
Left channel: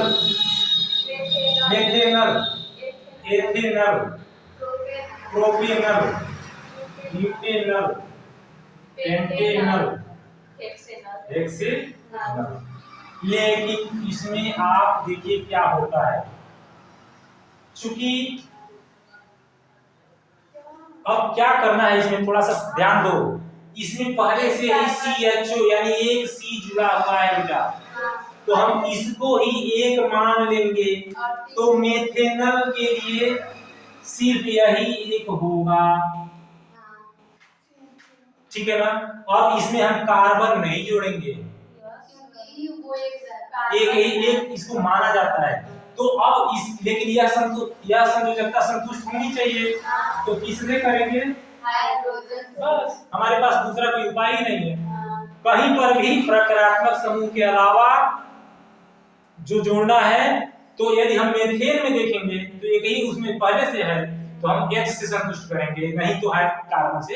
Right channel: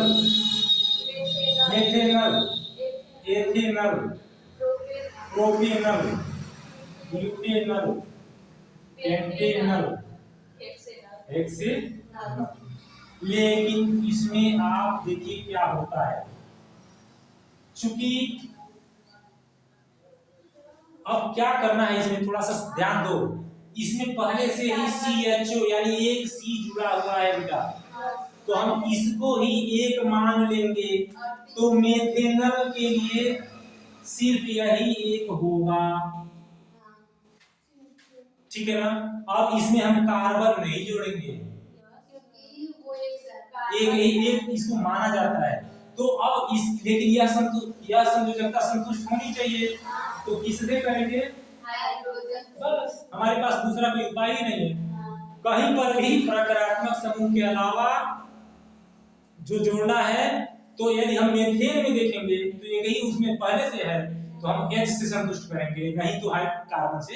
methanal, ethanal, propanal, butanal, pentanal, hexanal. लेकिन इसमें आप देखिए क्या होता है, चूंकि अब क्या करना है इसमें थोड़ा सा ध्यान दो, इसमें पहले से ही CHO यानी एक C जुड़ा हुआ है बेटा, तो हम इसको ही एक मान लेंगे, तो मेथेनल के लिए सिर्फ यही एक होगा, ठीक है ना। और इसमें हम कार्बन नहीं जोड़ेंगे, एक ही एक इसको माना जाता है। तो अब इस लेकिन यह संयोजकता संतुष्ट होनी चाहिए, तो किसने करेंगे, बस हमारे पास दूसरा कोई उपाय ही नहीं है। कहीं पर भी प्रक्रियात्मक समूह के अलावा जो जोड़ना है, तो यदि हम मेथेन में देखेंगे तो एक ही उसमें पहले से है, तो हम H से संतुष्ट करेंगे, नहीं तो कार्बन से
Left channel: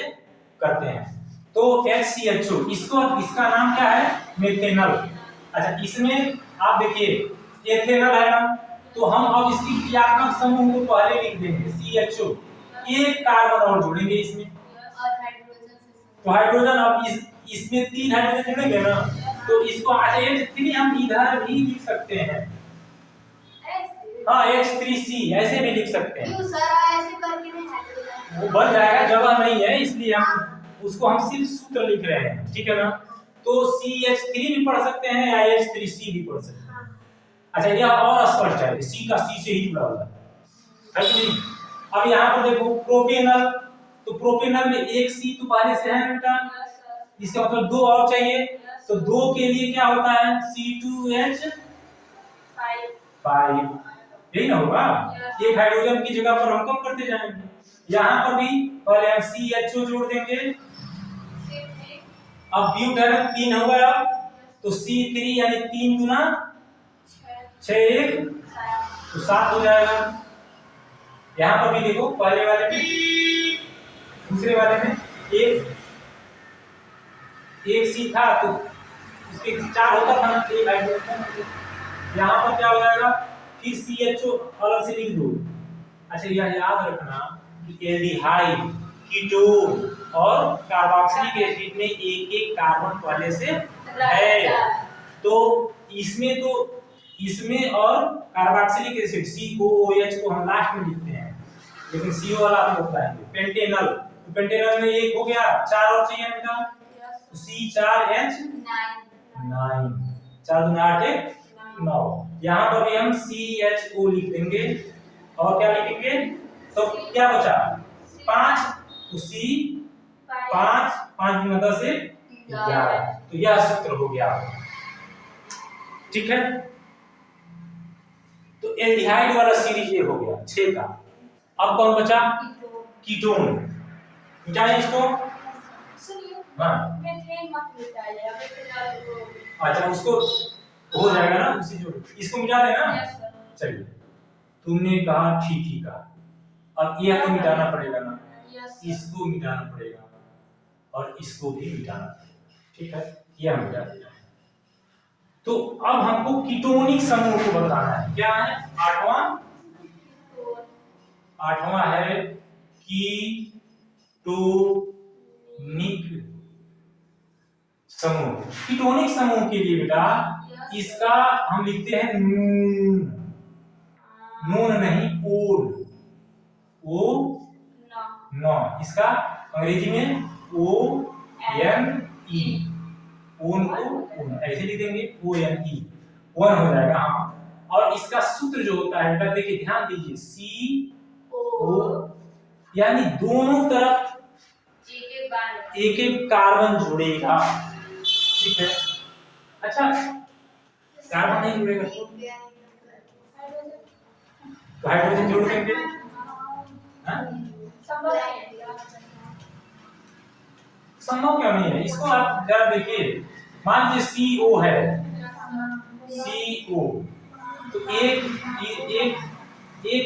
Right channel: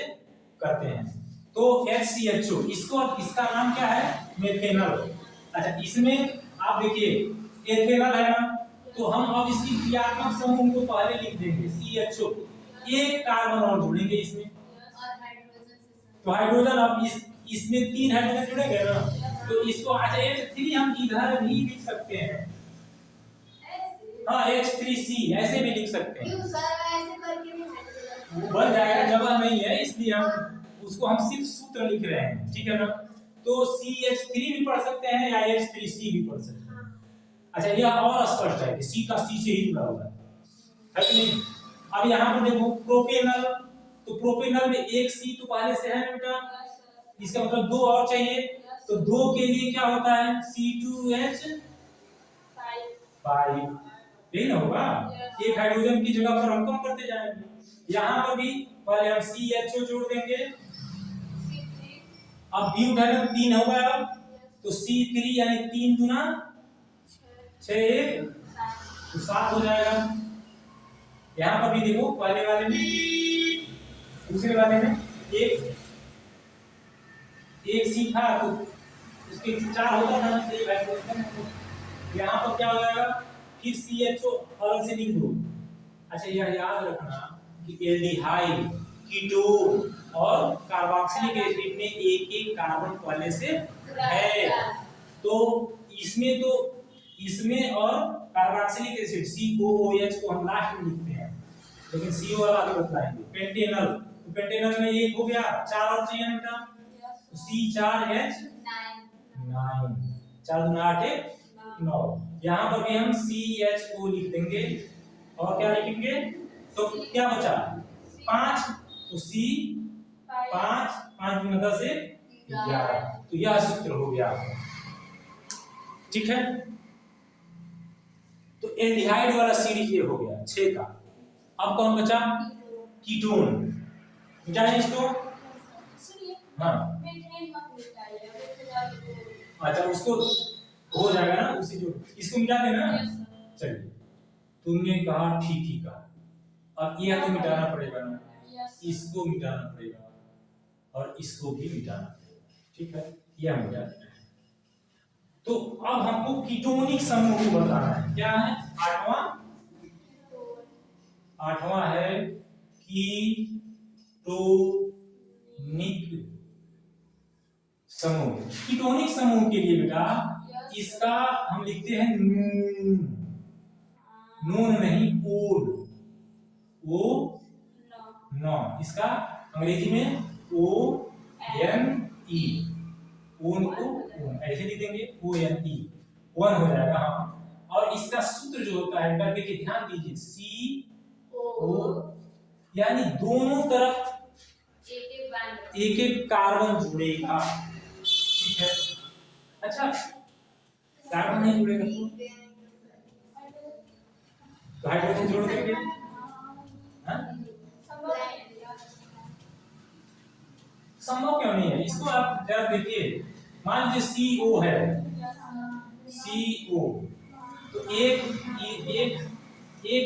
करते हैं। तो HCHO, इसका नाम क्या है, मेथेनल। अच्छा, इसमें आप देखिए एथेनल है ना, तो हम अब इसकी क्रियात्मक समूह को पहले लिख देंगे CHO, एक कार्बन और जोड़ेंगे इसमें, और हाइड्रोजन से तो हाइड्रोजन अब इसमें 3 हाइड्रोजन जुड़ेंगे ना, तो इसको आज H3 हम इधर भी लिख सकते हैं। ऐसे हाँ H3C ऐसे भी लिख सकते हैं। क्यों सर ऐसे करके नहीं हाइड्रोजन वो बन जाएगा, जगह नहीं है इसलिए हम उसको हम सिर्फ सूत्र लिख रहे हैं, ठीक है ना। तो CH3 भी पढ़ सकते हैं या H3C भी पढ़ सकते हैं। अच्छा यह और स्पष्ट है कि C का C से ही जुड़ा हुआ है कि नहीं। अब यहाँ पर देखो प्रोपेनल, तो प्रोपेनल में एक C तो पहले से है बेटा, इसका मतलब 2 और चाहिए, तो 2 के लिए क्या होता है C2H5, यही ना होगा। एक हाइड्रोजन की जगह पर हम कम करते जाएंगे। यहाँ पर भी पहले हम CHO जोड़ देंगे, अब ब्यूटेन 3 हो गया, तो C3 यानी 3 गुना 6 1 तो 7 हो जाएगा। यहाँ पर भी देखो पहले वाले में दूसरे वाले में एक सी था तो उसके 4 होता था ना, एक हाइड्रोजन। यहाँ पर क्या हो जाएगा, फिर CHO अलग से लिख दो। अच्छा यह याद रखना कि एल्डिहाइड, कीटोन और कार्बोक्सिलिक एसिड में एक एक कार्बन पहले से है, तो इसमें और कार्बोक्सिलिक एसिड COOH को हम लास्ट में लिखते हैं, लेकिन CO वाला आगे बताएंगे। पेंटेनल, तो पेंटेनल में एक हो गया, 4 और चाहिए बेटा, तो C4H9, 4 दूना 8 1 9। यहाँ पर भी हम CHO लिख देंगे और क्या लिखेंगे, तो क्या बचा 5, तो C 5 5 गुना 10 11, तो यह सूत्र हो गया, ठीक है। तो एल्डिहाइड वाला सीरीज ये हो गया 6 का। अब कौन बचा, कीटोन, मिटाएं इसको। हाँ अच्छा उसको हो जाएगा ना उसी जो, इसको मिटा देना। चलिए तुमने कहा ठीक ही कहा, अब यह तो मिटाना पड़ेगा ना, इसको मिटाना पड़ेगा और इसको भी मिटाना पड़ेगा, ठीक है, यह मिटा देना है। तो अब हमको कीटोनिक समूह को बताना है, क्या है, आठवां है कीटोनिक समूह। कीटोनिक समूह के लिए बेटा इसका हम लिखते हैं नून, नून नहीं ओन, ओ न, इसका अंग्रेजी में ONE, ओन को ओन ऐसे लिख देंगे, ONE, वन हो जाएगा। हाँ और इसका सूत्र जो होता है बेटा देखिए ध्यान दीजिए, CO यानी दोनों तरफ एक एक कार्बन जुड़ेगा, ठीक है। अच्छा कार्बन नहीं जुड़ेगा तो हाइड्रोजन जोड़ देंगे, संभव क्यों नहीं है, इसको आप जरा देखिए, मान लीजिए CO है, CO तो एक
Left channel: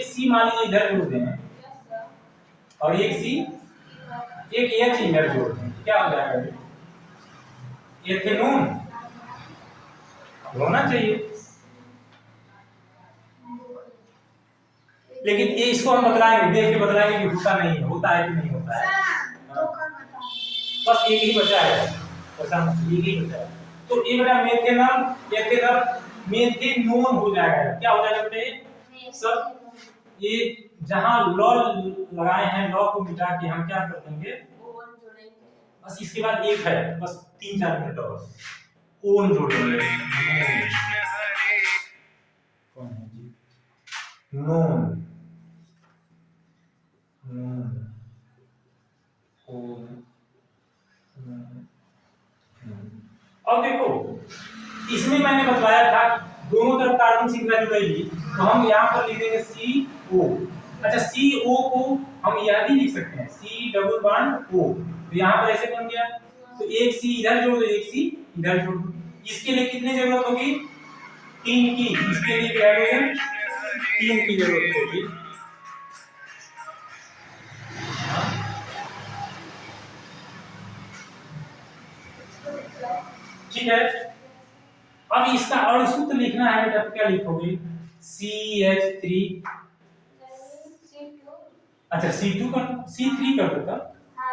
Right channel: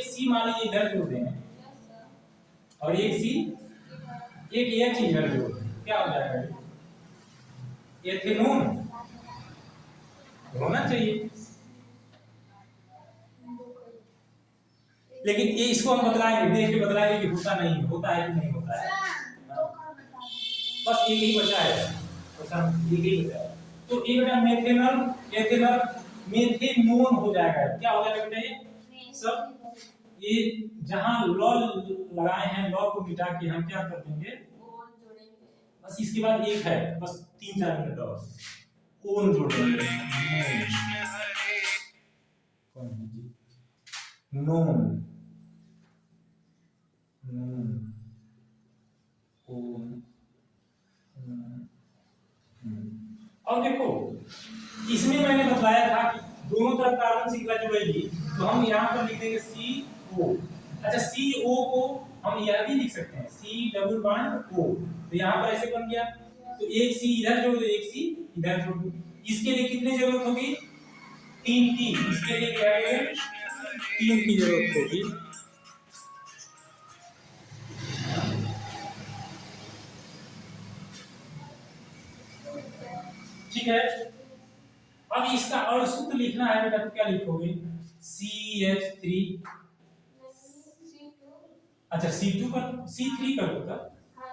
C मान लीजिए इधर जोड़ दें और एक H इधर जोड़ दें, क्या हो जाएगा, एथेनॉन होना चाहिए। लेकिन ये इसको हम बदलाएंगे, देख के बदलाएंगे कि होता नहीं है, होता है कि नहीं होता है। बस एक ही बचा है, एक ही बचा है, तो ये बेटा मेथेनल एथेनल मेथेनोन हो जाएगा। क्या हो जाएगा बेटा, सब ये जहां लॉ लगाए हैं, लॉ को मिटा के हम क्या कर देंगे, बस इसके बाद एक है, बस 3-4 मिनट और ओन जोड़ देंगे, कौन है जी, नोन ओन। अब देखो इसमें मैंने बताया था कि दोनों तरफ कार्बन श्रृंखला जुड़ेगी, तो हम यहाँ पर लिख देंगे CO। अच्छा CO को हम यह भी लिख सकते हैं C डबल बॉन्ड O, तो यहाँ पर ऐसे बन गया, तो एक C इधर जोड़ दो, एक C इधर जोड़ दो। इसके लिए कितनी जरूरत होगी, 3 की, इसके लिए हाइड्रोजन 3 की जरूरत होगी। ठीक है, अब इसका अणुसूत्र लिखना है बेटा, तो क्या लिखोगे, CH3, अच्छा C2 कर C3 कर दो तब हाँ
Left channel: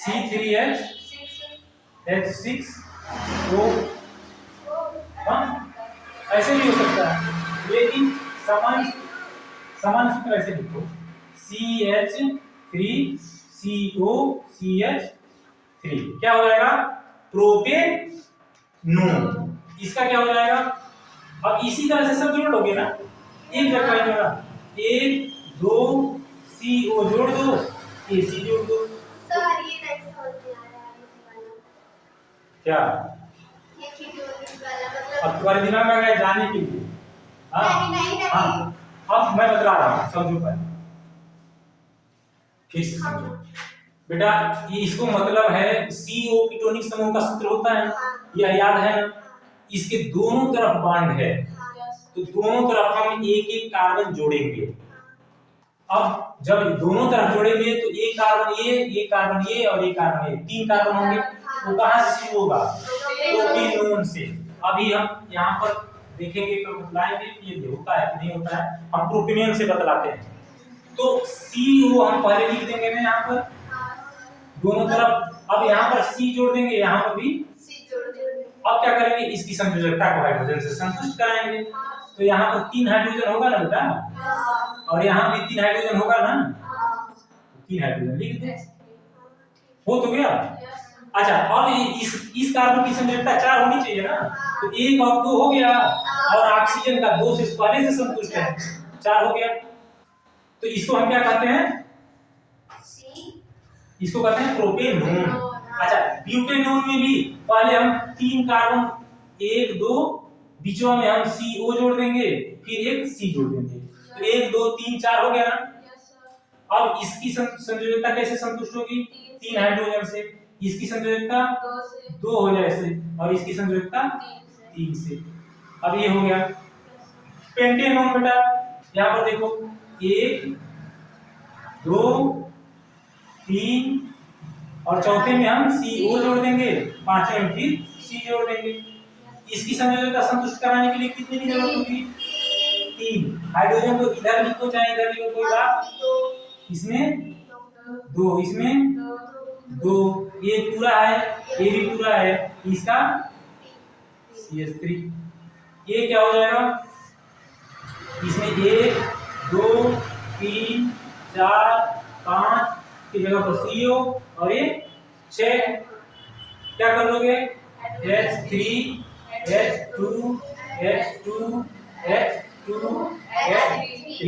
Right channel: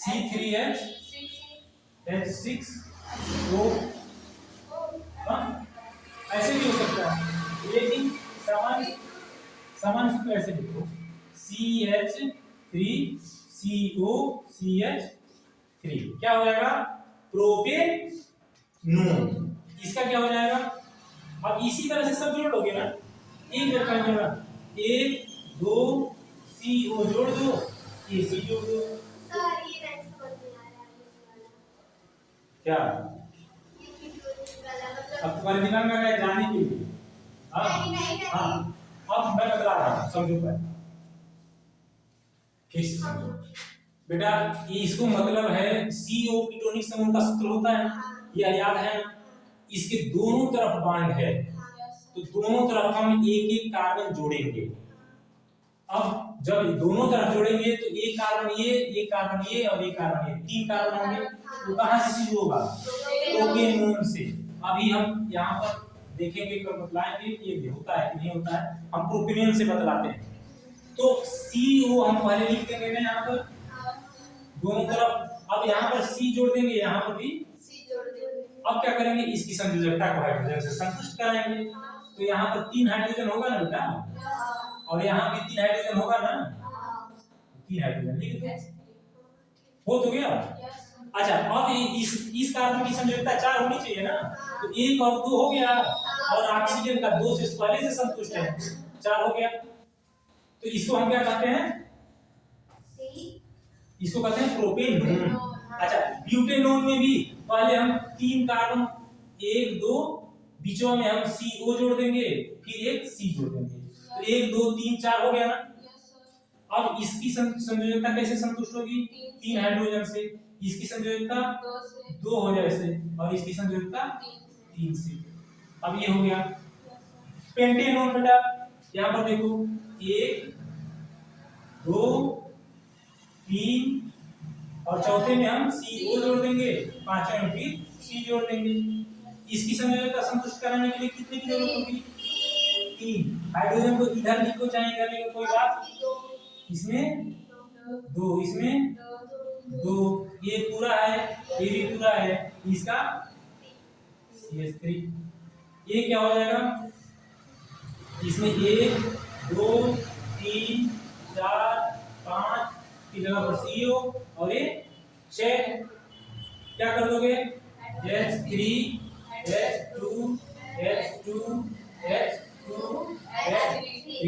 C3H6 तो हाँ ऐसे भी हो सकता है, लेकिन समान समान सूत्र ऐसे लिखो CH3COCH3 क्या हो जाएगा प्रोपेनोन। इसका क्या हो जाएगा, अब इसी तरह से सब जोड़ोगे ना, एक जगह नहीं होगा, 1 2 CO जोड़ दो, AC जोड़ दो। सर ये नहीं समझ में आ रहा है क्या ये किटोनिक वाला मतलब अब तुम्हारे दिमाग में आ गया जाने के लिए? हाँ नहीं हाँ अब मैं बतला रहा हूँ, समझो पहले फिर से समझो बेटा। इसको मतलब है CO कीटोनिक समूह का सूत्र होता है ना, यह याद है ना। इसके दोनों तरफ बॉन्ड है, तो दोनों तरफ हम एक एक कार्बन जोड़ेंगे। अब जब दोनों तरफ जोड़ेंगे तो एक कार्बन ये और एक कार्बन ये, 3 कार्बन होंगे। वो कहां से शुरू होगा, प्रोपेनोन से। अभी हम यहाँ पर देखेंगे तो बतलाएंगे कि ये होता है कि नहीं होता है, हम प्रोपेनोन से बतलाते हैं। तो CO हम पहले लिख देंगे ना यहाँ पर दोनों तरफ। अब यहाँ पर C जोड़ देंगे, यहाँ पर भी सी जोड़ देंगे। अब क्या करेंगे, इसकी संयोजकता को हाइड्रोजन से संतुष्ट कराएंगे। तो यहाँ पर 3 हाइड्रोजन होगा ना बेटा, और यहाँ भी 3 हाइड्रोजन होगा ना, 3 हाइड्रोजन लिख दो, हो तो गया। अच्छा अब इस कार्बन की संयोजकता 4 होनी चाहिए ना, तो 1 और 2 हो गया, और ऑक्सीजन का 2 से पहले से संतुष्ट है, 4 हो गया। तो इसको हम क्या कहते हैं, इसको कहते हैं प्रोपेनोन। अच्छा ब्यूटेनोन में भी पहले हम 3 कार्बन 1 2 बीचवा में हम CO जोड़ देंगे, फिर एक C जोड़ देंगे, तो 1 2 3 4 हो गया ना। अब इसकी संयोजकता कैसे संतुष्ट होगी, 3 हाइड्रोजन से। इसकी संयोजकता 2 हो जाए से, और इसकी संयोजकता 3 से। अब ये हो गया पेंटेनोन बेटा। यहाँ पर देखो 1 2 3 और चौथे में हम CO जोड़ देंगे, पांचवें में फिर C जोड़ देंगे। इसकी संयोजकता संतुष्ट कराने के लिए कितने की जरूरत होगी, 3 हाइड्रोजन को इधर लिखो चाहे इधर लिखो कोई बात, इसमें 2 इसमें 2, ये पूरा है ये भी पूरा है, इसका CH3। ये क्या हो जाएगा, इसमें 1 2 3 4 5 की जगह पर CO और ये 6 क्या कर दोगे, H3 H2 H2 H2 H3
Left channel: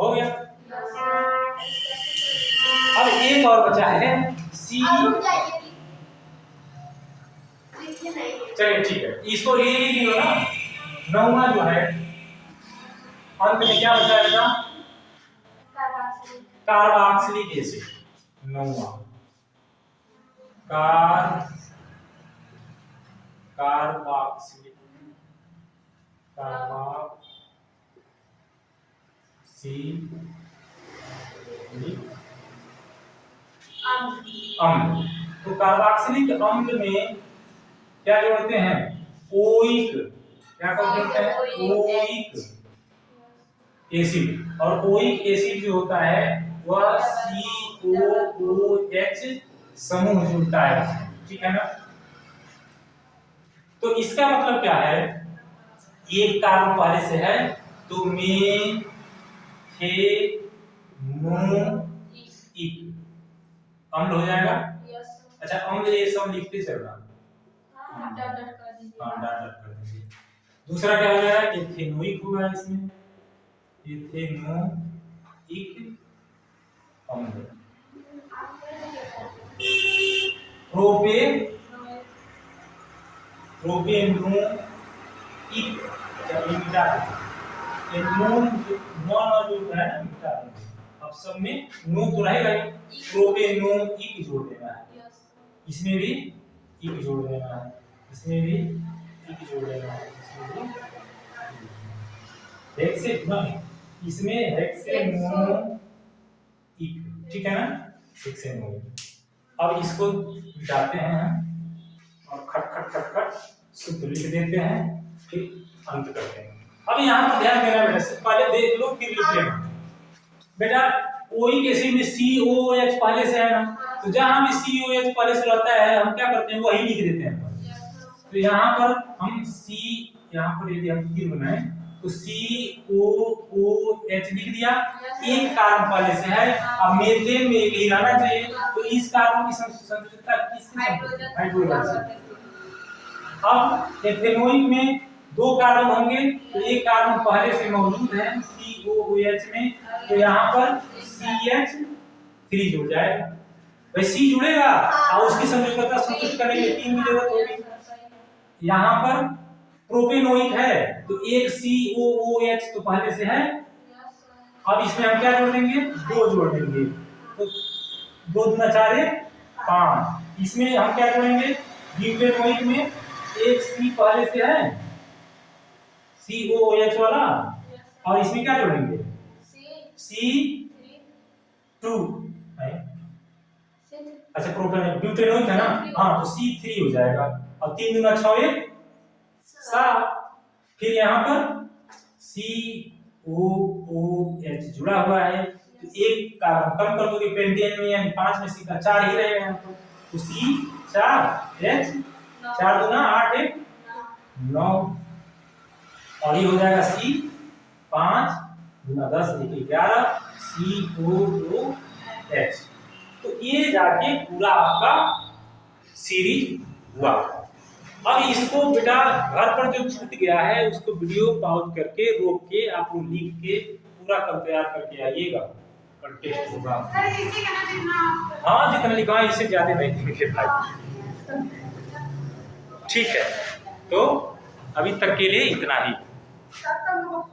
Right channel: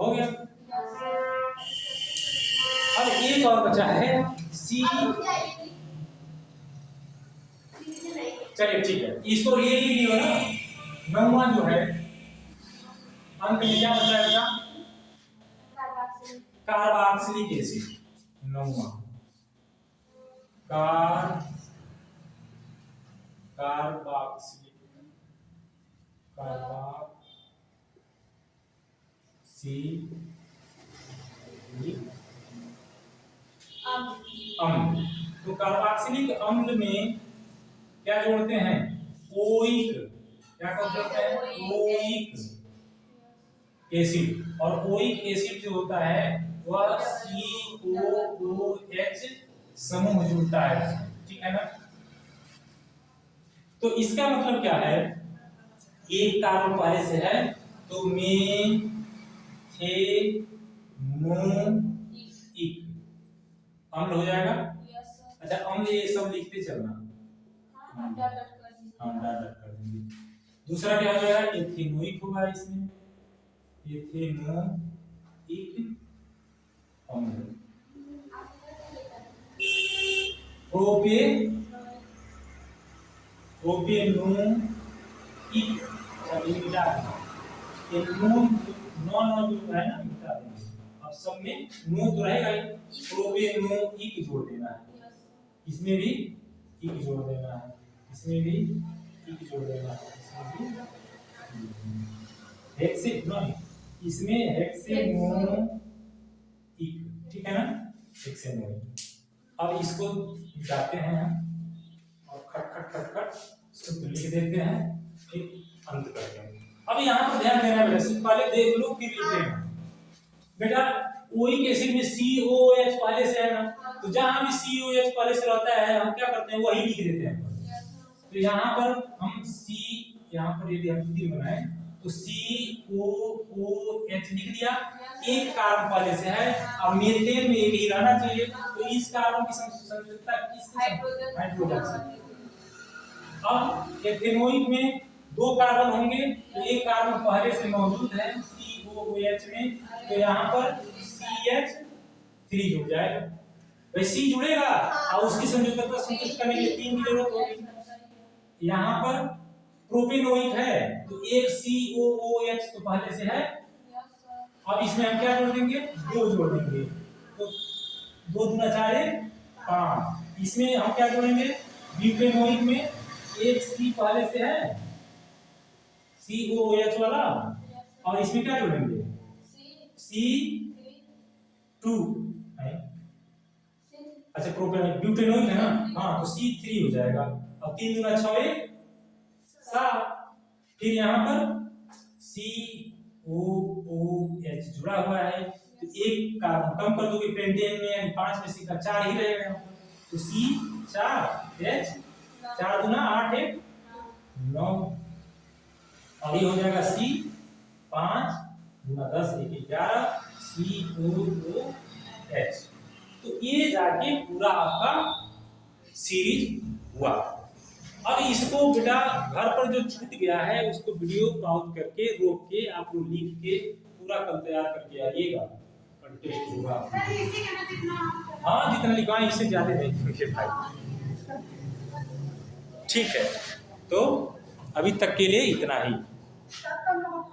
हो गया। अब एक और बचा है C। चलिए ठीक है, इसको ये लियो ना, 9वां जो है अंत में क्या बचा है बेटा, कार्बोक्सिलिक एसिड। 9वां कार्बोक्सिलिक अम्ल। तो कार्बोक्सिलिक अम्ल में क्या जोड़ते हैं, ओइक। क्या जोड़ते हैं, ओइक एसिड। और ओइक एसिड जो होता है वह COOH समूह जुड़ता है, ठीक है ना। तो इसका मतलब क्या है, एक कार्बन पहले से है तो मेथेनोइक अम्ल हो जाएगा। अच्छा अम्ल ये सब लिखते चलना, हाँ डॉट कर देंगे। दूसरा क्या हो जाएगा, एथेनोइक होगा, इसमें एथेनोइक अम्ल। प्रोपेनोइक, चलिए मिटा देंगे ये नॉन जो है ना मिटा देंगे। अब सब में नो तो रहेगा ही, प्रोपेनोइक जोड़ देना है, इसमें भी इक जोड़ देना है, इसमें भी इक जोड़ देना है, इसमें भी इसमें हेक्सेनोइक, ठीक है ना, हेक्सेनोइक। अब इसको मिटाते हैं और खट खट खट खट सूत्र लिख देते हैं, फिर अंत करते हैं। अब यहाँ पर ध्यान देना बेटा, पहले देख लो फिर लिख लेना बेटा। OE के एसिड में COOH पहले से है ना, तो जहां भी COOH पहले से रहता है हम क्या करते हैं वही लिख देते हैं। तो यहाँ पर हम यहाँ पर यदि हम तीन बनाए तो COOH लिख दिया, एक कार्बन पहले से है। अब मीथेन में एक ही रहना चाहिए, तो इस कार्बन की संयोजकता किसकी? हाइड्रोजन से। अब एथेनोइक में दो कार्बन होंगे, तो एक कार्बन पहले से मौजूद है COOH में, तो यहाँ पर CH3 जुड़ जाएगा। भाई C जुड़ेगा और उसकी संयोजकता संतुष्ट करने के लिए 3 की जरूरत होगी। यहाँ पर प्रोपेनोइक है तो एक COOH तो पहले से है, अब इसमें हम क्या जोड़ देंगे? 2 जोड़ देंगे, तो 2 दूना 4 5। इसमें हम क्या जोड़ेंगे? ब्यूटेनोइक में एक C पहले से है COOH वाला, और इसमें क्या जोड़ेंगे? C2 है। अच्छा प्रोपेनोइक ब्यूटेनोइक है ना, हाँ तो C3 हो जाएगा, और 3 दूना 6 1 7। फिर यहाँ पर COOH जुड़ा हुआ है, तो एक कार्बन कम कर दोगे पेंटेन में, यानी 5 में C का 4 ही रहेगा यहाँ पर, तो C4H 4 दूना 8 1 9, और ये हो जाएगा C5 दूना 10 1 11 COOH। तो ये जाके पूरा आपका सीरीज हुआ। अब इसको बेटा घर पर जो छूट गया है उसको वीडियो पॉज करके रोक के आप लोग लिख के पूरा कर तैयार करके आइएगा, और टेस्ट होगा। हाँ जितना लिखा है इससे ज्यादा नहीं लिखे भाई। ठीक है, तो अभी तक के लिए इतना ही।